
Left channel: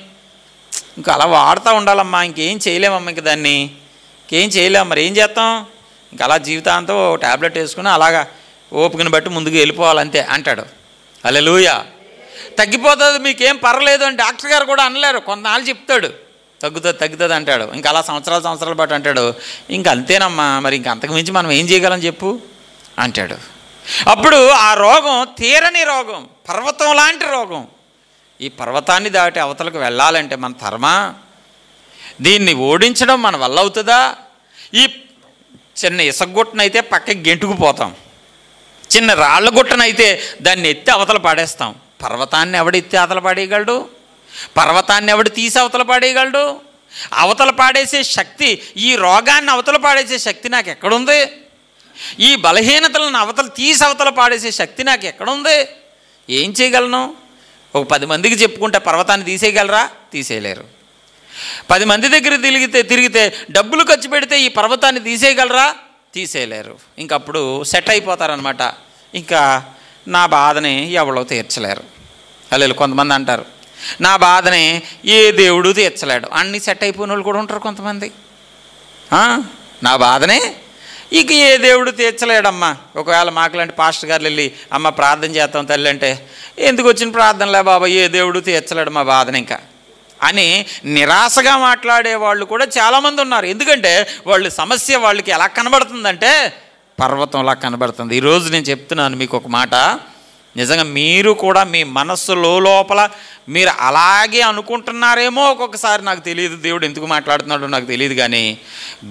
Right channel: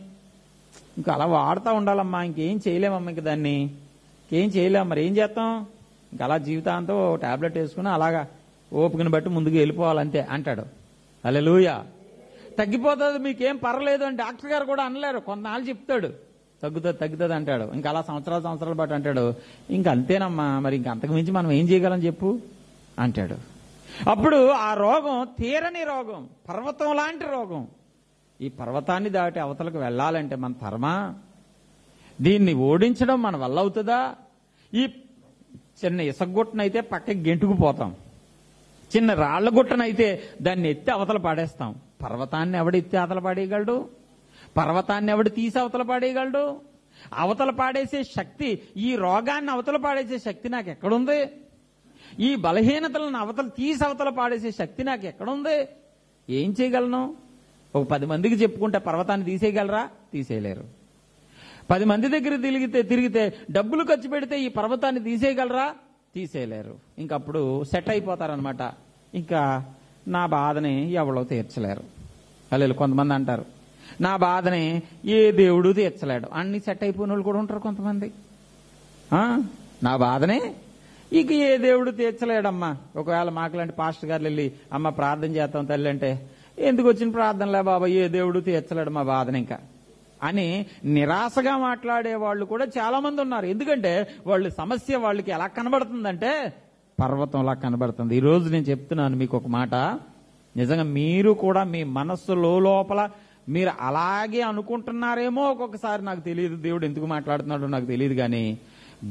ఇంకా అలా వాడుతూ ఉండాలమ్మా, ఇంకేం చేయలేమమ్మా, ఇంక దాన్ని ఇంకేం చేయలేము, మరి ఏం చేస్తాం, ఇంకా అలా జీవితాంతం ట్యాబ్లెట్ వేసుకుని అలాగా ఓపికను బట్టి ముందుకు వెళ్ళిపోవాలంతే అంటాడు. హల్లెలూయా. తగ్గిపోతుంది మీకేం పర్లేదు అని డాక్టర్ గారు కూడా అనలేరు. కొంతనాళ్ళు చెప్తాడు తగ్గుతుంది అంటాడు, ఇంకా అలా సంవత్సరాలు బట్టి అంటాడు, ఇంక అంతేనమ్మా, మరి ఇంక అంతకుమించి మనం ఏం చేయగలం చెప్పు అంటాడు. అప్పుడు ఆ రోగం తీరని రోగం, పర్వతం లాంటి రోగం. ఈ పర్వతాన్ని దాటి అవతలకు వెళ్ళాలంటే మన తరమా? దీన్ని ఓడించడం మన వల్ల అవుతుందా? ఈ చిన్న ఇసగుట్టనైతే పక్కకి గెంటుకుపోతాం, చిన్న రాళ్ళ గుట్టనైతే దాన్ని ఎత్తి అవతల పాడేస్తాం. పర్వతాన్ని ఎవడు ఎత్తి అవతల పాడేయగలడు? పర్వతాన్ని ఎవడు తీసి అవతల పాడేయగలడు? అవతల పాడేసే శక్తి, ఈ రోగాన్ని అవతల పాడేసే శక్తి నాకు ఎక్కడుంది? ఈ బలహీనతలను అవతల తీసి అవతల పాడేసే శక్తి నాకు ఎక్కడుంది? ఏం చేయగలను? ఒక 10 మందికి చెప్పుకుంటే పర్వతాన్ని తీసేయగలరా? తీసేయలేరు. 10 మంది దగ్గర తిరిగితే డబ్బులు ఖర్చు పెడితే ఈ పర్వతాన్ని తీసేయగలరా? తీసేయలేరు. ఇంకప్పుడు సెట్ అయిపోతారనమాట. ఇంకా నా బాధని ఎవరో తీర్చలేరు. అలా కొంతమంది అంటారు, నా బాధని ఏ దేవుడు తీర్చలేడు. అన్నీ సెట్ అయిపోయిన వాళ్ళు కూడా ఉంటారు కొంతమంది. నా బాధనే ఇక ఏ దేవుడు తీర్చలేడమ్మా. ఒకవేళ మాకులాంటి పాస్టర్ గారు వెళ్ళి అమ్మ ప్రార్థన చేస్తాం తల్లి అంటే, ఎందుకు వచ్చిన ప్రార్థనలే బాబా, ఏ దేవుడు తీర్చలేడు మా బాధని ఇంకా అని నిరాశగా మాట్లాడే వాళ్ళు కూడా చాలామంది ఉన్నారు. ఎందుకంటే వాళ్ళు సమస్య వాళ్ళకి ఎలా కనబడుతుందంటే పర్వతంలా కనబడుతుంది. ఈరోజు నేను చెప్తున్నాను మీకు ఒక మాట, నిజంగా మీరు కూడా మీ మనస్సు లోపల మీరు అలాగే అనుకుంటున్నారేమో ఒక్కొక్కసారి, నాకు తెలియదు దేవుడు ఎందుకు మాట్లాడుతున్నాడో నాకు తెలియదు, కానీ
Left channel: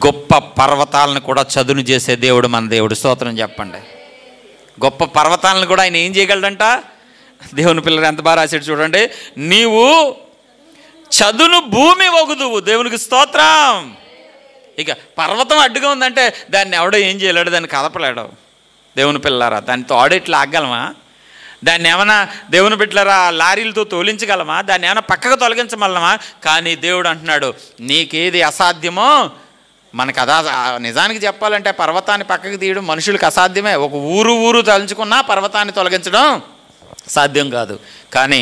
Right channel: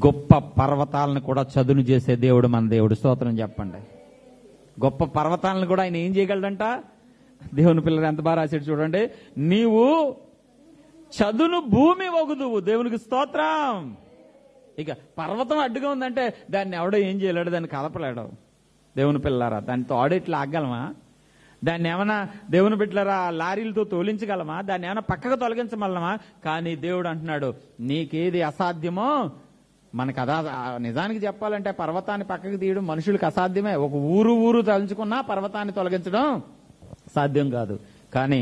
గొప్ప పర్వతాలను కూడా చదును చేసే దేవుడు మన దేవుడు. స్తోత్రం చెప్పండి. గొప్ప పర్వతాలను కూడా ఆయన ఏం చేయగలడంట? దేవుని పిల్లలు ఎంత బాగా రాశాడు చూడండి, నీవు చదును భూమి వగుదువు. దేవునికి స్తోత్రం. ఇక పర్వతం అడ్డుగా ఉందంటే దాన్ని ఎవడో ఏం చేయలేడు, దాన్ని కదపలేడు. దేవుని పిల్లలారా, దాన్ని తోడేట్లు ఆగలమా? దాన్ని ఏమైనా దేవుని బిడ్డలారా లారీలతో తోలించగలమా? దాన్ని ఏమైనా పక్కకు తొలగించగలమా? కానీ దేవుడు అంటున్నాడు, నీకేది అసాధ్యమో మనకు నిజానికి చెప్పాలంటే పర్వతాన్ని పక్కకు తీయడం మనుషులకు అసాధ్యమే. ఒక ఊరు తలుచుకున్నా పర్వతాన్ని తొలగించడం సాధ్యం కాదు. కానీ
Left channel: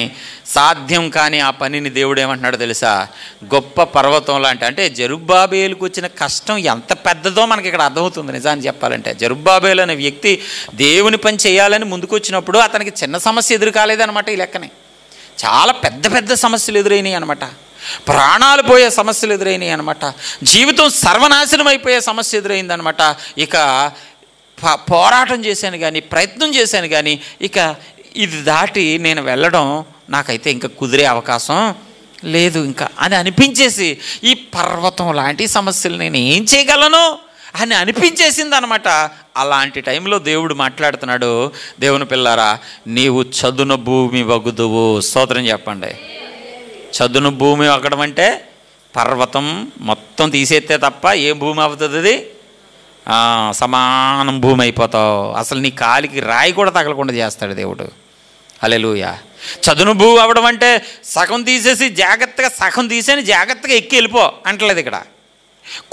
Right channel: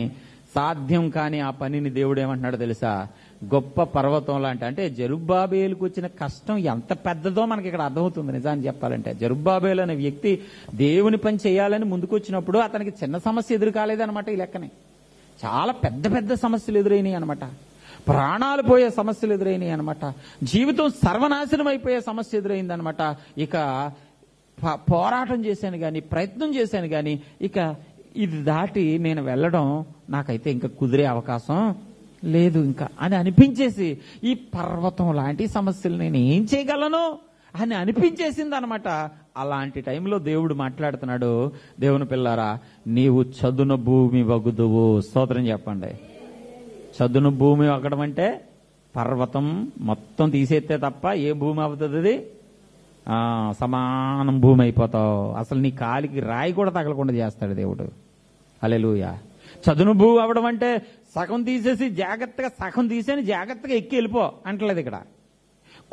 సాధ్యం కాని ఆ పనిని దేవుడు ఏమంటున్నాడో తెలుసా? గొప్ప పర్వతం లాంటి, అంటే జెరుబ్బాబేలుకు వచ్చిన కష్టం ఎంత పెద్దదో మనకి ఇక్కడ అర్థమవుతుంది. నిజాన్ని చెప్పాలంటే జెరుబ్బాబేలు అనే వ్యక్తి దేవుని పని చేయాలని ముందుకు వచ్చినప్పుడు అతనికి చిన్న సమస్య ఎదురు కాలేదనమాట. ఈ లెక్కనే చాలా పెద్ద పెద్ద సమస్యలు ఎదురైనాయి అనమాట. ప్రాణాలు పోయే సమస్యలు ఎదురైనాయి అనమాట. జీవితం సర్వనాశనం అయిపోయే సమస్య ఎదురైందనమాట. ఇక పోరాటం చేశాను కానీ, ప్రయత్నం చేశాను కానీ, ఇక ఇది దాటి నేను వెళ్ళడం నాకైతే ఇంకా కుదిరే అవకాశం లేదు ఇంకా అని అనిపించేసి, ఈ పర్వతం లాంటి సమస్యలు నేను ఏం చేయగలను అని అనిపించేసింది అనమాట. అలాంటి టైంలో దేవుడు మాట్లాడుతున్నాడు, దేవుని పిల్లారా నీవు చదును భూమి వగుదువు. స్తోత్రం చెప్పండి. చదును భూమి వగడం అంటే పర్వతం మొత్తం తీసేస్తే తప్ప ఏ భూమి అవుతుంది? అది సమానం భూమి అయిపోతావు. అసలు నీ కాలికి రాయి కూడా తగలకుండా చేస్తాడు దేవుడు. హల్లెలూయా. చదును భూమి అవ్వడం అంటే సగం తీసేసి జాగ్రత్తగా, సగం తీసేని జాగ్రత్తగా ఎక్కి వెళ్ళిపో అంటలేదు ఇక్కడ.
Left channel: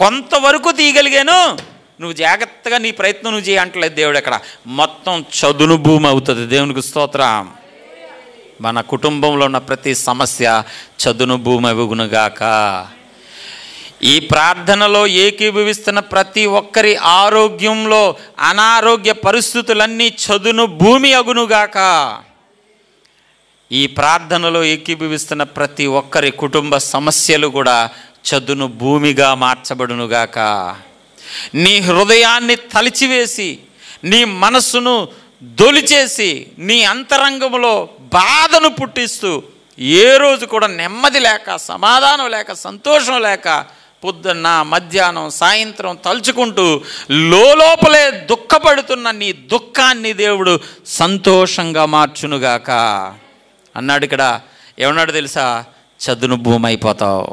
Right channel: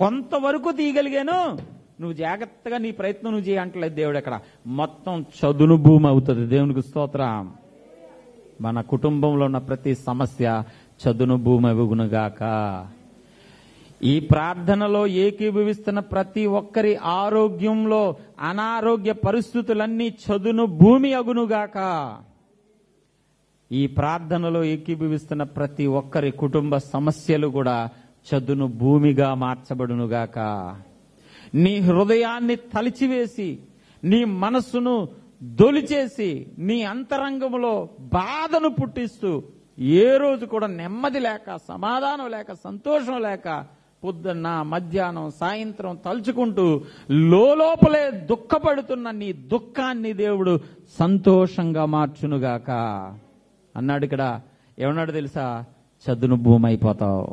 కొంతవరకు తీయగలిగాను, నువ్వు జాగ్రత్తగా నీ ప్రయత్నం నువ్వు చేయ అంటలేదు దేవుడు ఇక్కడ. మొత్తం చదును భూమి అవుతుంది. దేవునికి స్తోత్రం. మన కుటుంబంలో ఉన్న ప్రతి సమస్య చదును భూమి అగునుగాక. ఈ ప్రార్థనలో ఏకీభవిస్తున్న ప్రతి ఒక్కరి ఆరోగ్యంలో అనారోగ్య పరిస్థితులన్నీ చదును భూమి అగునుగాక. ఈ ప్రార్థనలో ఏకీభవిస్తున్న ప్రతి ఒక్కరి కుటుంబ సమస్యలు కూడా చదును భూమిగా మార్చబడునుగాక. నీ హృదయాన్ని తలిచివేసి, నీ మనస్సును దొలిచేసి, నీ అంతరంగంలో బాధను పుట్టిస్తూ, ఏ రోజు కూడా నెమ్మది లేక, సమాధానం లేక, సంతోషం లేక, పొద్దున్న మధ్యాహ్నం సాయంత్రం తలుచుకుంటూ లోపలే దుఃఖపడుతున్న నీ దుఃఖాన్ని దేవుడు సంతోషంగా మార్చునుగాక అన్నాడు. ఇక్కడ ఏమన్నాడు తెలుసా? చదును భూమి అయిపోతావు.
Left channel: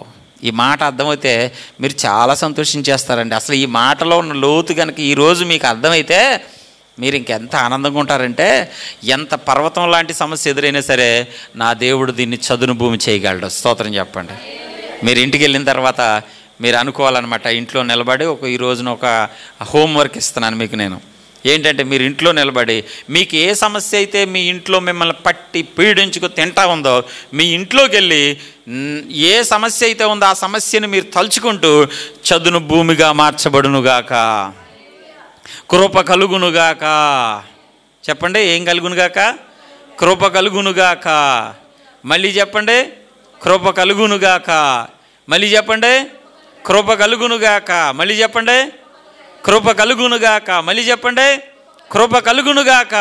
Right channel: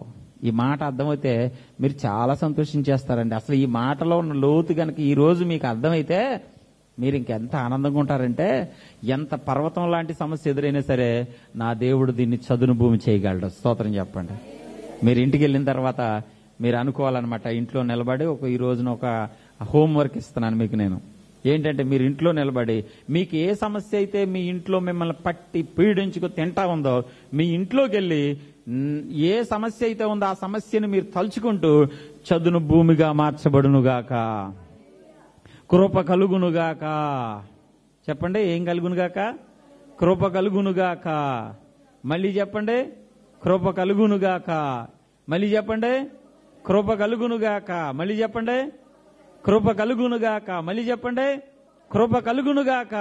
ఈ మాట అర్థమైతే మీరు చాలా సంతోషించేస్తారండి. అసలు ఈ మాటలో ఉన్న లోతు కనుక ఈరోజు మీకు అర్థమైతే మీరు ఇంకెంత ఆనందంగా ఉంటారంటే, ఎంత పర్వతం లాంటి సమస్య ఎదురైనా సరే నా దేవుడు దీన్ని చదును భూమి చేయగలడు. స్తోత్రం చెప్పండి. మీరు ఇంటికి వెళ్ళిన తర్వాత మీరు అనుకోవాలన్నమాట, ఇంట్లో నిలబడి ఈ రోజున ఒక హోంవర్క్ ఇస్తున్నాను మీకు నేను. ఏంటంటే మీరు ఇంట్లో నిలబడి మీకు ఏ సమస్య అయితే మీ ఇంట్లో మిమ్మల్ని పట్టి పీడించుకు తింటా ఉందో, మీ ఇంట్లోకి వెళ్ళి ఏ సమస్య అయితే ఉందో ఆ సమస్యను మీరు తలుచుకుంటూ చదును భూమిగా మార్చబడునుగాక, కృప కలుగునుగాక. చెప్పండి, ఏం కలుగునుగాక? కృప కలుగునుగాక. మళ్ళీ చెప్పండి, కృప కలుగునుగాక. మళ్ళీ చెప్పండి, కృప కలుగునుగాక. మళ్ళీ చెప్పండి, కృప కలుగునుగాక. మళ్ళీ చెప్పండి, కృప కలుగునుగాక.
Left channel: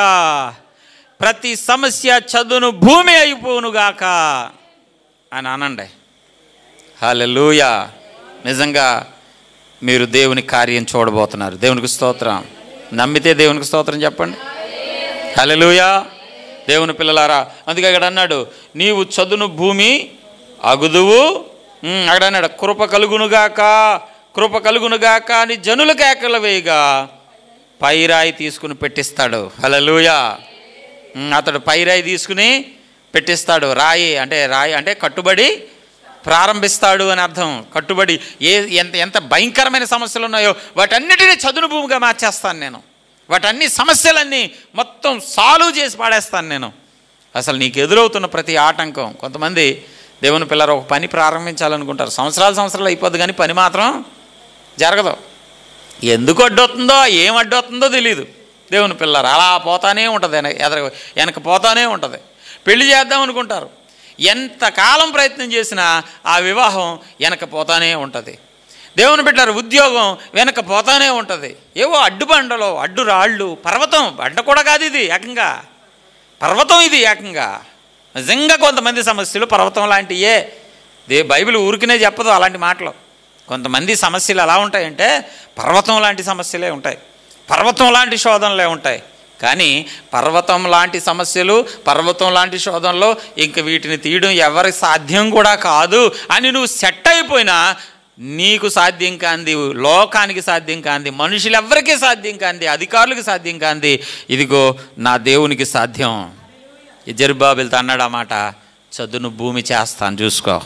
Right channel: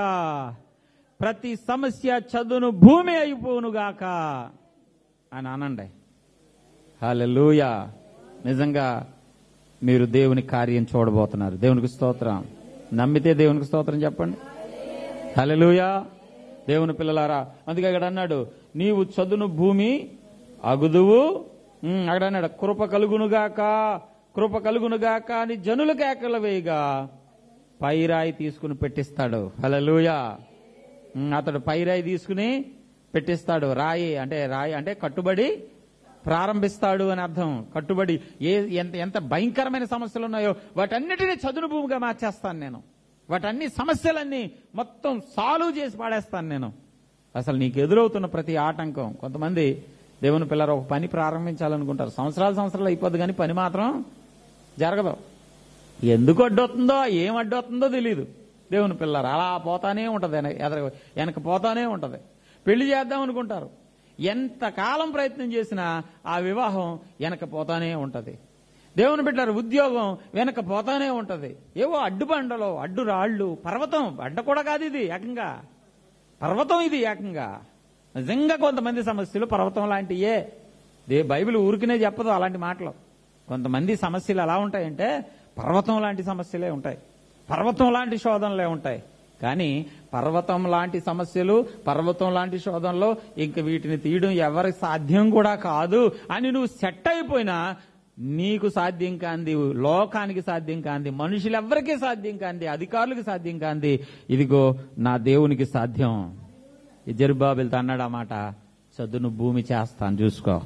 ప్రతి సమస్య చదును భూమి అయిపోనుగాక అని అనండి. హల్లెలూయా. నిజంగా మీరు దేవుని కార్యం చూడబోతున్నారు. దేవునికి స్తోత్రం. నమ్మితే దేవునికి స్తోత్రం చెప్పండి. హల్లెలూయా. దేవుని పిల్లలారా, అందుకే ఇక్కడ అన్నాడు, నీవు చదును భూమి అగుదువు. అక్కడ అన్నాడు, కృప కలుగునుగాక, కృప కలుగునుగాక అని జనుల కేకలు వేయగా పైరాయి తీసుకుని పెట్టిస్తాడు. హల్లెలూయా. అతడు పైరాయి తీసుకుని పెట్టిస్తాడు. రాయి అంటే కట్టుబడి ప్రారంభిస్తాడు అని అర్థం. కట్టుబడి ఎంత భయంకరమైన సమస్యలు ఉన్నాయో వాటన్నిటినీ చదును భూమిగా మార్చేస్తాను నేను. వాటన్ని సమస్యలన్నీ మొత్తం సాల్వ్ చేసి పాడేస్తాను నేను. అసలు నీకు ఎదురవుతున్న ప్రతి ఆటంకం, కొంతమంది దేవుని పిల్లలు ఒక పని ప్రారంభించాలనుకుంటారు, సంవత్సరాలు అయిపోద్ది కానీ పని మాత్రం జరగదు. ఎందుకు అడ్డవుతుందో, ఏం అడ్డవుతుందో తెలియదు. దేవుని పిల్లలు అలా పోతానే ఉంటుంది, వెనక పోతానే ఉంటుంది. పెళ్లి చేద్దాం అనుకుంటారు, ఎంతకాలం ప్రయత్నం చేసినా ఆ వివాహం వెనక పోతానే ఉంటుంది. దేవుని బిడ్డలారా, ఉద్యోగం వెనక పోతానే ఉంటుంది. ఏవో అడ్డుబండలో అడ్డురాళ్ళు, పర్వతం బండ కూడా కాదు ఇది, ఏకంగా పర్వతం ఇది ఏకంగా. నిజంగా కొంతమంది సమస్యలు పర్వతం లాంటియే. బైబిల్ ఊరికినే చెప్పదు అలాంటి మాటలు. కొంతమంది సమస్యలు ఎలా ఉంటాయంటే పర్వతం లాంటి సమస్యలే ఉంటాయి, పర్వతం లాంటి శోధనలే ఉంటాయి. కానీ పర్వతం లాంటి సమస్యలు, పర్వతం లాంటి శోధనలో ఇంక వీటిని తీయడం ఎవరి సాధ్యం కూడా కాదు అని నువ్వు సెట్ అయిపోయినా, నీకు సాధ్యం కాంది, లోకానికి సాధ్యం కాంది, మనుషులెవ్వరికీ సాధ్యం కాంది, అధికారులకు సాధ్యం కాంది, ఇదిగో నా దేవునికి సాధ్యం. జెరుబ్బాబెలుతో అన్నాడు ఆ మాట, చదును భూమి చేస్తాను చూసుకో.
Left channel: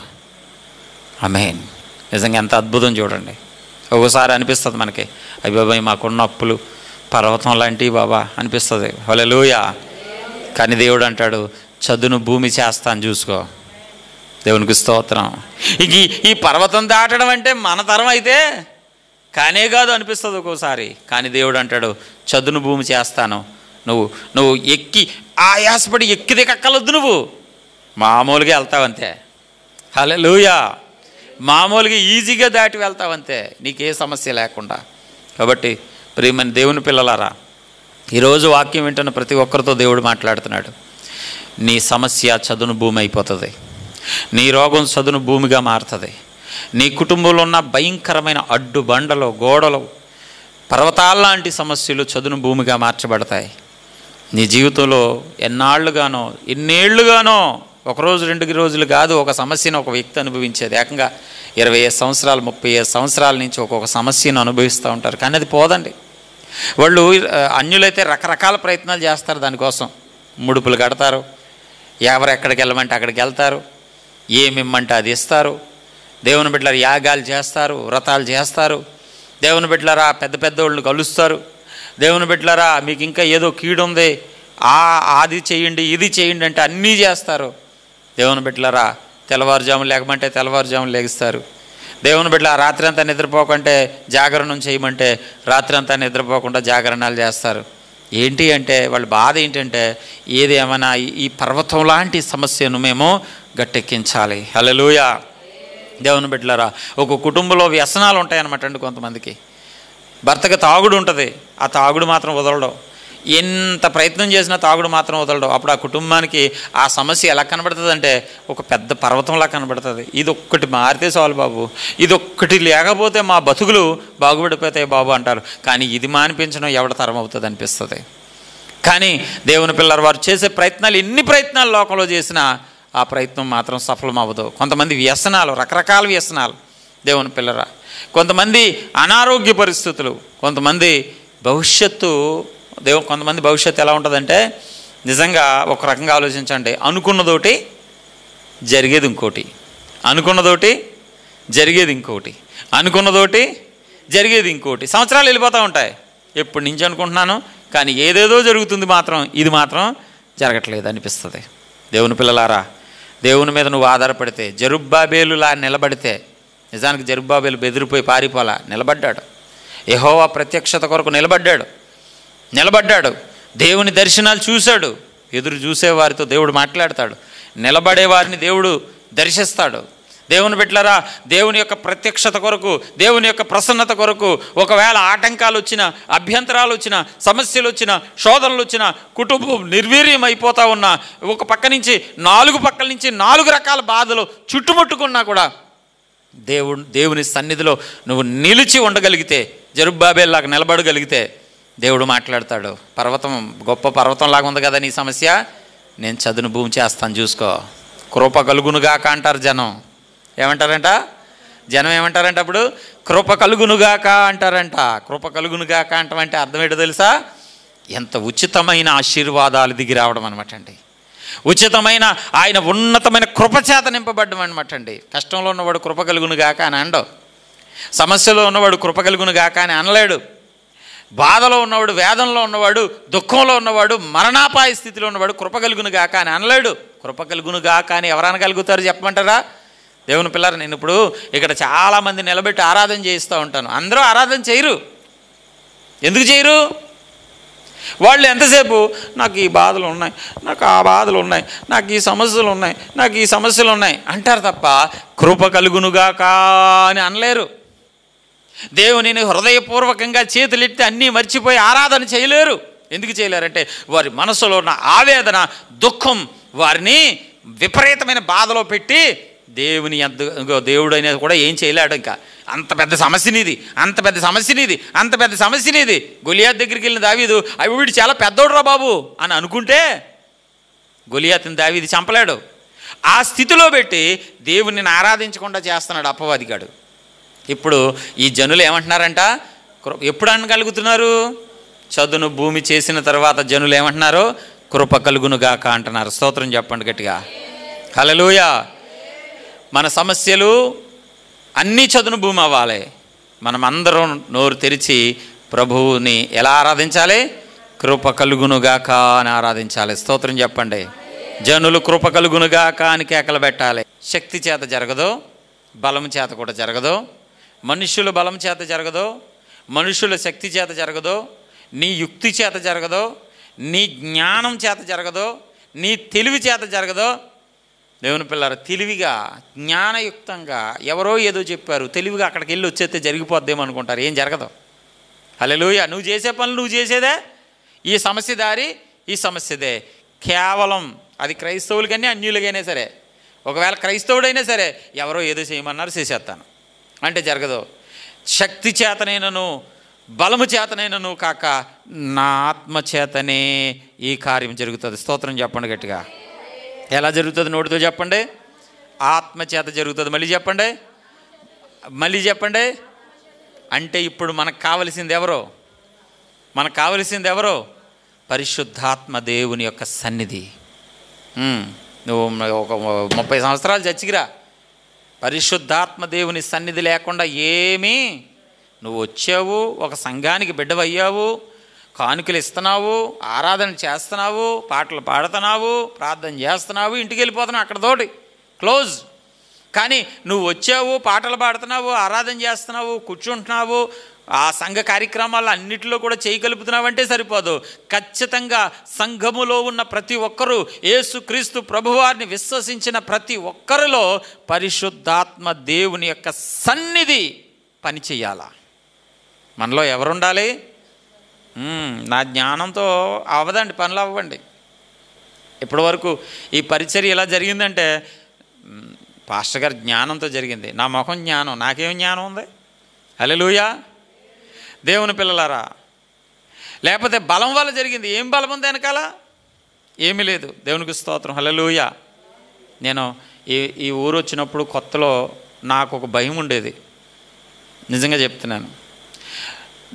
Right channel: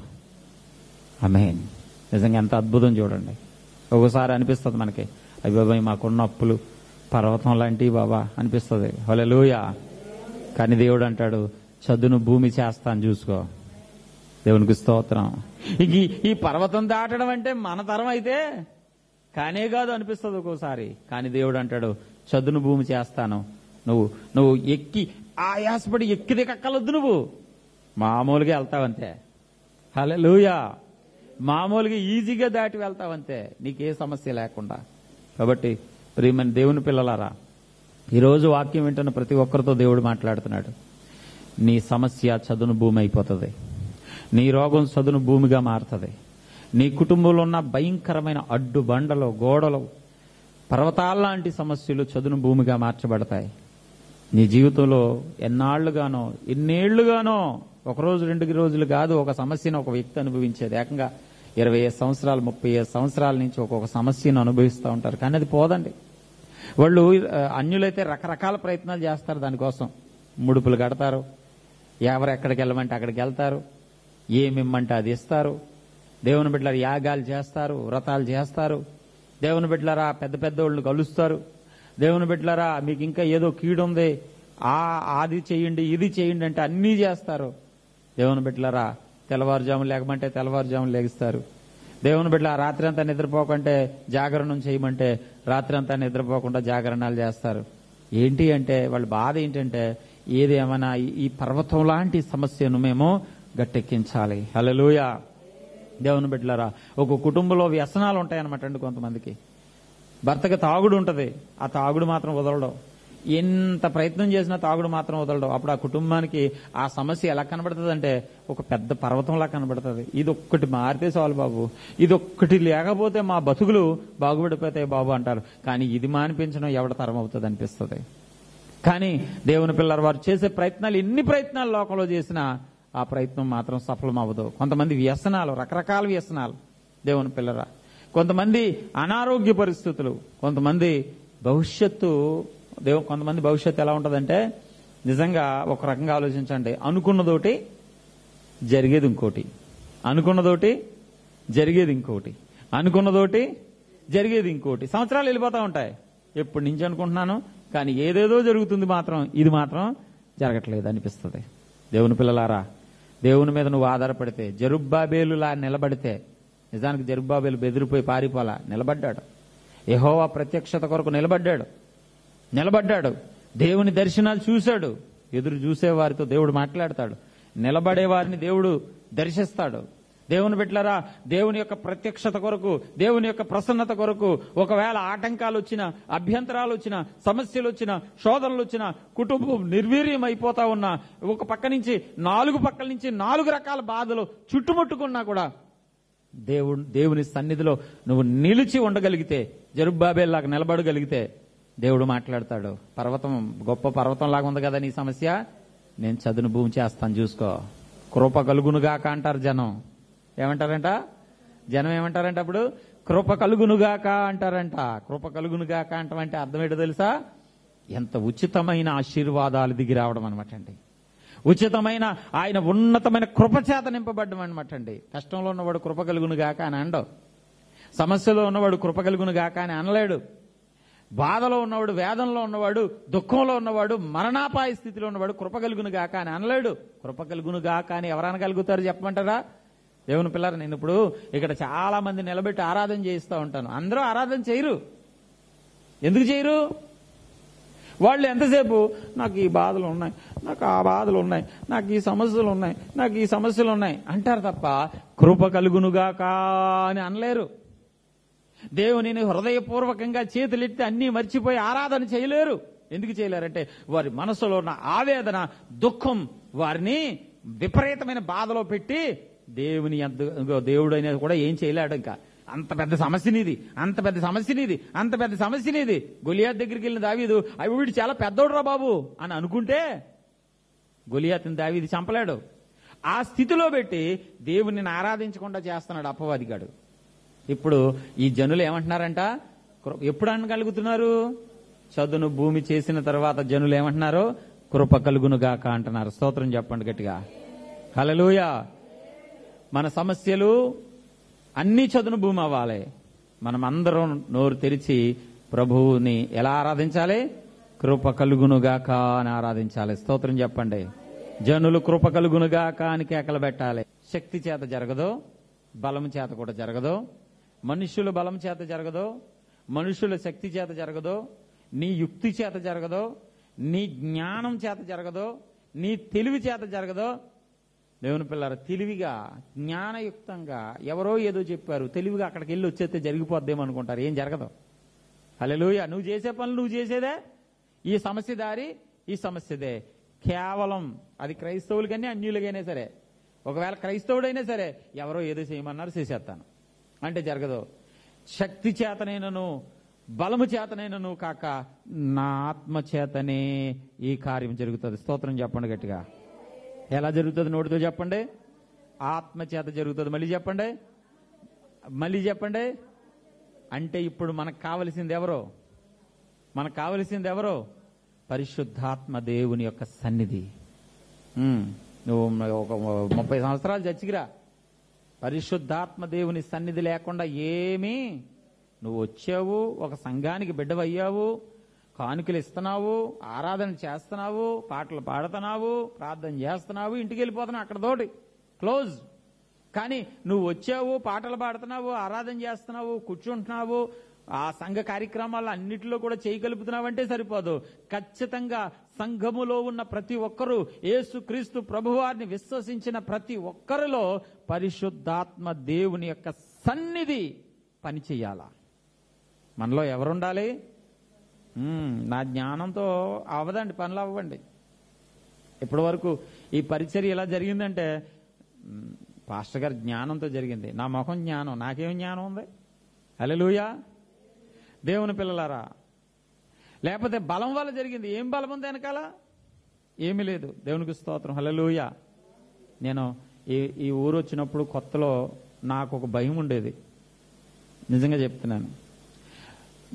ఆమేన్. నిజంగా ఎంత అద్భుతం చూడండి. ఒకసారి అనిపిస్తుంది మనకి, అయ్య బాబాయ్ మాకున్న అప్పులు పర్వతం లాంటివి బాబా అనిపిస్తుంది. హల్లెలూయా. కానీ దేవుడు అంటాడు, చదును భూమి చేస్తాను చూసుకో. దేవునికి స్తోత్రం. ఇంక ఈ పర్వతం దాటడం అంటే మన తరం అయితే కానే కాదు అనిపిస్తుంది ఒక్కోసారి. కానీ దేవుడు అంటాడు, చదును భూమి చేస్తాను, నువ్వు ఎక్కి ఆయాసపడి ఎక్కి దిక్కలొద్దు, నువ్వు మామూలుగా వెళ్తావంతే. హల్లెలూయా. మామూలుగా ఈజీగా దాటి వెళ్తావంతే, నీకే సమస్య లేకుండా. కాబట్టి ప్రియమైన దేవుని పిల్లలారా, ఈరోజు వాక్యం వింటున్న ప్రతి ఒక్కరితో దేవుడు మాట్లాడుతున్నాడు. నీ సమస్య చదును భూమి అయిపోతుంది, నీ రోగం చదును భూమిగా మారుతుంది. నీ కుటుంబంలో ఉన్న భయంకరమైన అడ్డుబండలు, గోడలు, పర్వతాల్లాంటి సమస్యలు చదును భూమిగా మార్చబడతాయి. నీ జీవితంలో ఎన్నాళ్ళుగానో, ఎన్నేళ్లుగానో, ఒకరోజు 2 రోజులు కాదు, ఒక సమస్యను ఒక వ్యక్తి అనుభవించేది. ఏకంగా 25 సంవత్సరాలు 35 సంవత్సరాల నుంచి ఒక్కొక్క సమస్యను అనుభవిస్తూ ఉంటారు. కానీ అది పోదండి. వాళ్ళు అన్యులైతే రకరకాల ప్రయత్నాలు చేస్తారు దానికోసం. ముడుపులు కడతారు, ఎవరు ఎక్కడికి వెళ్ళమంటే అక్కడికి వెళ్తారు, ఏమిమ్మంటే అది ఇస్తారు. దేవుని బిడ్డలారా యాగాలు చేస్తారు, వ్రతాలు చేస్తారు. దేవుని బిడ్డలారా పెద్ద పెద్దోళ్ళని కలుస్తారు. దేవుని బిడ్డలారా మీకు ఇంకా ఏదో కీడు ఉంది, అది చేయండి ఇది చేయండి అంటే అన్నీ చేస్తారు. దేవుని బిడ్డలారా తెల్లవారుజాములు లేకమంటే తెల్లవారుజాములు లేగిస్తారు. దేవుని బిడ్డలారా రాత్రి అంతా నిద్రపోకుంటే జాగరణం చేయమంటే రాత్రి అంతా నిద్రపోకుండా జాగరణాలు చేస్తారు. ఏంటి అంటే వాళ్ళ బాధ ఏంటంటే ఏది ఏమైనా ఈ పర్వతం లాంటి సమస్యను మేము గట్టెక్కించాలి. హల్లెలూయా. దేవుని బిడ్డలారా ఒక కుటుంబంలో వ్యసనాలు ఉంటాయన్నమాట అండి. కొంతమందికి భర్తకి తాగుడు ఉంటుంది, ఆ తాగుడు మాత్రం వదలడం. ఎంత ప్రయత్నం చేసినా తాగుడు మాత్రం వదలడం. అప్పుడు ఆ కుటుంబానికి ఆ సమస్య ఎలా కనబడుతుంది అంటే ఒక పెద్ద పర్వతంలా కనబడుతుంది. ఇదొక్కటి మారితే చాలు బాబు, ఇదొక్కటి లేకపోతే మా బతుకులు బాగుపడిపోతాయి బాబు అంటారు. కానీ ఇది మానిపించడం ఎవడ తరం అవుతుంది అనిపిస్తుంది. కానీ దేవుని పిల్లలు వారు చేసే ప్రయత్నాలు, ఎన్ని ప్రయత్నాలు లోకంలో చేసినా ఆ ప్రయత్నం మాత్రం సఫలం అవ్వదు. కొంతమంది వ్యసనాలు, రకరకాల వ్యసనాలు. దేవుని పిల్లరా కొంతమంది అనారోగ్య పరిస్థితులు, కొంతమంది భవిష్యత్తు. కొంతమంది భవిష్యత్తు ఎలా ఉంటుందంటే నిజంగా ఒక రకంగా ఆలోచించండి. అనుకున్నదోటి జరిగేది ఇంకోటి, అనుకున్నదోటి జరిగేది ఇంకోటి, అనుకున్నదోటి జరిగేది ఇంకోటి. సంవత్సరాలు వెళ్ళిపోతూ ఉంటాయి. ఎప్పటి నుంచి అనుకుంటున్నాను కానీ ఏదేదో జరుగుతుంది, మాత్రం ఇది మాత్రం జరగట్లేదు అనిపిస్తుంది. దేవుని పిల్లలారా దేవుని మీద నువ్వు ఆధారపడితే, జెరుబ్బాబేలులా నిలబడితే, నిజానికి జెరుబ్బాబేలు బెదిరిపోయి పారిపోలా, నిలబడ్డాడు. యెహోవా ప్రత్యక్షత కొరకు నిలబడ్డాడు. దేవుని దర్శనాలు చూశాడు. ఎదురు చూసేవారితో దేవుడు మాట్లాడతాడు, నిలబడే వారిని దేవుడు దర్శిస్తాడు. దేవుని బిడ్డలారా దేవుని యొక్క ప్రత్యక్షత కొరకు, దేవుని యొక్క ప్రసన్నత కొరకు ఒకవేళ ఆటంకాలు వచ్చినా, అభ్యంతరాలు వచ్చినా, సమస్యలు వచ్చినా, శోధనలు వచ్చినా, కుటుంబం నిర్వీర్యం అయిపోతూ ఉన్నా, ఒక పక్క నుంచి 4 పక్కల నుంచి 4 రకాల బాధలు చుట్టుముట్టుకున్నా కూడా దేవుని సన్నిధిలో నువ్వు నిలిచి ఉండగలిగితే, జెరుబ్బాబేలులాగా నిలబడగలిగితే దేవుడు మాట్లాడతాడు. పర్వతం గొప్ప పర్వతంలాగా ఉంది కదా నీ సమస్య, నేను చదును భూమి చేస్తాను చూసుకో, కృప కలుగునుగాక అంటారు జనం. ఏమంటారంట జనం? ఏమంటారంట అప్పుడు? కృప కలుగునుగాక అంటారంట. కృప కలుగునుగాక అంటామంటే అర్థం ఏంటో తెలుసా? ఎంత ఉచితమైన ఆశీర్వాదాలు దిగి రావడం అనమాట అండి. ఉచితమైన ఆయన ఉన్నతమైన కృపచేత నింపబడ్డం అనమాట అండి. కష్టంలో ఉన్నవాడు కృప కలుగునుగాక అని అనడు, సమస్యలో ఉన్నవాడు కృప కలుగునుగాక అని అనలేడు, బాధలో ఉన్నవాడు, వేదనలో ఉన్నవాడు, దుఃఖంలో ఉన్నవాడు, మరణాపాయ స్థితిలో ఉన్నవాడు కృప కలుగునుగాక అని అనలేడు. కృప కలుగునుగాక అని ఎవరు అనగలుగుతారు చెప్పమంటారా? దేవుని పిల్లలు, నేను ఇప్పుడు ఇక్కడ చాలామంది నిలబెట్టి ఆరాధన చేయిస్తూ ఉంటాను. అందరూ ఆరాధన చేయరు. ఎందుకు చేయరు? వాళ్ళు ఎంతసేపు నాకు ఈ బాధలు ఉన్నాయి, నాకు ఆ బాధలు ఉన్నాయి, నాకు ఈ సమస్యలు ఉన్నాయి, నాకు ఈ సమస్యలు ఉన్నాయి అంటారు తప్ప కృప కలుగునుగాక అని అనలేరు. దేవునిని హృదయపూర్వకంగా చేతులెత్తి అన్నీ మర్చిపోయి ఆరాధన చేయలేరు. ఎందుకు చేయలేరంటే వారి మనసులో ఉన్న ఆవేదన, దుఃఖం వారిని విపరీతమైన బాధలో పెట్టి దేవుడు అనేది కూడా ఏం చేయలేడు. ఇంకా అంత పెద్ద సమస్యనిది, అంత పెద్ద సమస్యనిది, అంత పెద్ద సమస్యనిది. గొలియాత్ దగ్గరికి వెళ్ళిన దావీదు వీడు చాలా పెద్దోడురా బాబు అని అనుకుంటే గొలియాతుని దావీదు చంపలేడు. ఆ స్థితిలో పెట్టి దేవుడిని ఆరాధించకుండా చేస్తున్నాడు అపవాదిగాడు. ఇప్పుడు ఈ జనులు ఏమంటున్నారంట? ఎప్పుడు అనగలుగుతున్నారు? చదును భూమి చేసిన తర్వాత జనులు ఏమంటున్నారు? కృప కలుగునుగాక అంటున్నారు. స్తోత్రం చెప్పండి గట్టిగా. హల్లెలూయా. మన సమస్యలు అన్నీ చదును భూమి అవ్వాలి. మనం అందరం నోరు తెరిచి ప్రభువుని ఎలా ఆరాధించాలి? కృప కలుగునుగాక అని ఆరాధించాలి. స్తోత్రం చెప్పండి. జనులు కృప కలుగునుగాక అని కేకలు పెట్టాలి. శక్తి చేత జరగదు, బలం చేత కూడా జరగదు. మనుష్యుల బలం చేత జరగదు, మనుషుల శక్తి చేత జరగదు, నీ యుక్తి చేత జరగదు, నీ జ్ఞానం చేత జరగదు, నీ తెలివి చేత జరగదు. దేవుని పిల్లలు తెలివిగా జ్ఞానయుక్తంగా ఎవరో ఏదో చెప్పారు, తెలివిగా అక్కడికి వెళ్ళి వచ్చేస్తే జరిగిపోద్దేమో అనుకుంటారు. ఏం జరగదు. హల్లెలూయా. నువ్వు చేసే పనులు నువ్వు చేసేదే. ఈ సమస్య దారి ఈ సమస్యదే. కేవలం అది క్రైస్తవులకని అన్యులకైనా సరే, ఒకవేళ క్రైస్తవుడైనా సరే ఎవరో ఏదో చేయమన్నారు చేసేస్తాను అంటే జరగదు. శక్తి చేతనైనను బలము చేతనైనను కాక నా ఆత్మ చేతనే ఈ కార్యం జరుగుతుంది. స్తోత్రం చెప్పండి గట్టిగా. ఎలా జరుగుతుంది నోటితో చెప్పండి. ఆత్మ చేత జరుగుతుంది. మళ్ళీ చెప్పండి, మళ్ళీ చెప్పండి. అంటే ఇప్పుడు మనకు కావలసింది ఎవరో? మనకు కావలసింది ఎవరో? పరిశుద్ధాత్మ దేవుని యొక్క సన్నిధి. నువ్వు ఒక 30 సంవత్సరాలు చచ్చికిరా, పరిశుద్ధాత్మ దేవుని సన్నిధి లేకుండా ఏమీ, నువ్వు వచ్చావు, ఒక సంఘానికి బిడ్డవయ్యావు, కానుకలు ఇస్తున్నావు, ఆరాధన చేస్తున్నావు, పాటలు పాడుతున్నావు, ప్రార్థన చేస్తున్నావు, ఇంటికి వెళ్ళిపోతున్నావు, అక్కడతోటి క్లోజ్. కానీ నువ్వు వచ్చావు, పాటలు పాడుతున్నావు, ఆరాధన చేస్తున్నావు, కూర్చుంటున్నావు, ఆ సంఘ కార్యక్రమాలు అన్నిటిలో కూడా చేయగలుపుతున్నావంటే సరిపోదు. ఖచ్చితంగా సంఘములో ఉన్న ప్రతి ఒక్కరూ, యేసుక్రీస్తు ప్రభువారిని విశ్వసించిన ప్రతి ఒక్కరిలో పరిశుద్ధాత్మ దేవుని యొక్క సన్నిధి పనిచేయాల. మనలో ఎవరుండాలి? నా జ్ఞానంతో అవ్వదండి, పనులు అవ్వండి. ఇప్పటి వరకు ఈ పరిచర్య ఎలా జరిగిందంటే పాస్టర్ గారి జ్ఞానంతో జరిగింది. నా ముఖం జ్ఞానం, నాకేం జ్ఞానం ఉంది? హల్లెలూయా. దేవుని పిల్లలారా, లేకపోతే బలం వల్ల జరిగింది. ఏం బలం ఉంది వెనకాల? ఏమీ లేదు. దేవునికి స్తోత్రం. హల్లెలూయా. నేను ఈ ఊరు వచ్చినప్పుడు కొత్తలో నాకు ఒక భయం ఉండేది, నిజంగా చెప్తున్నాను.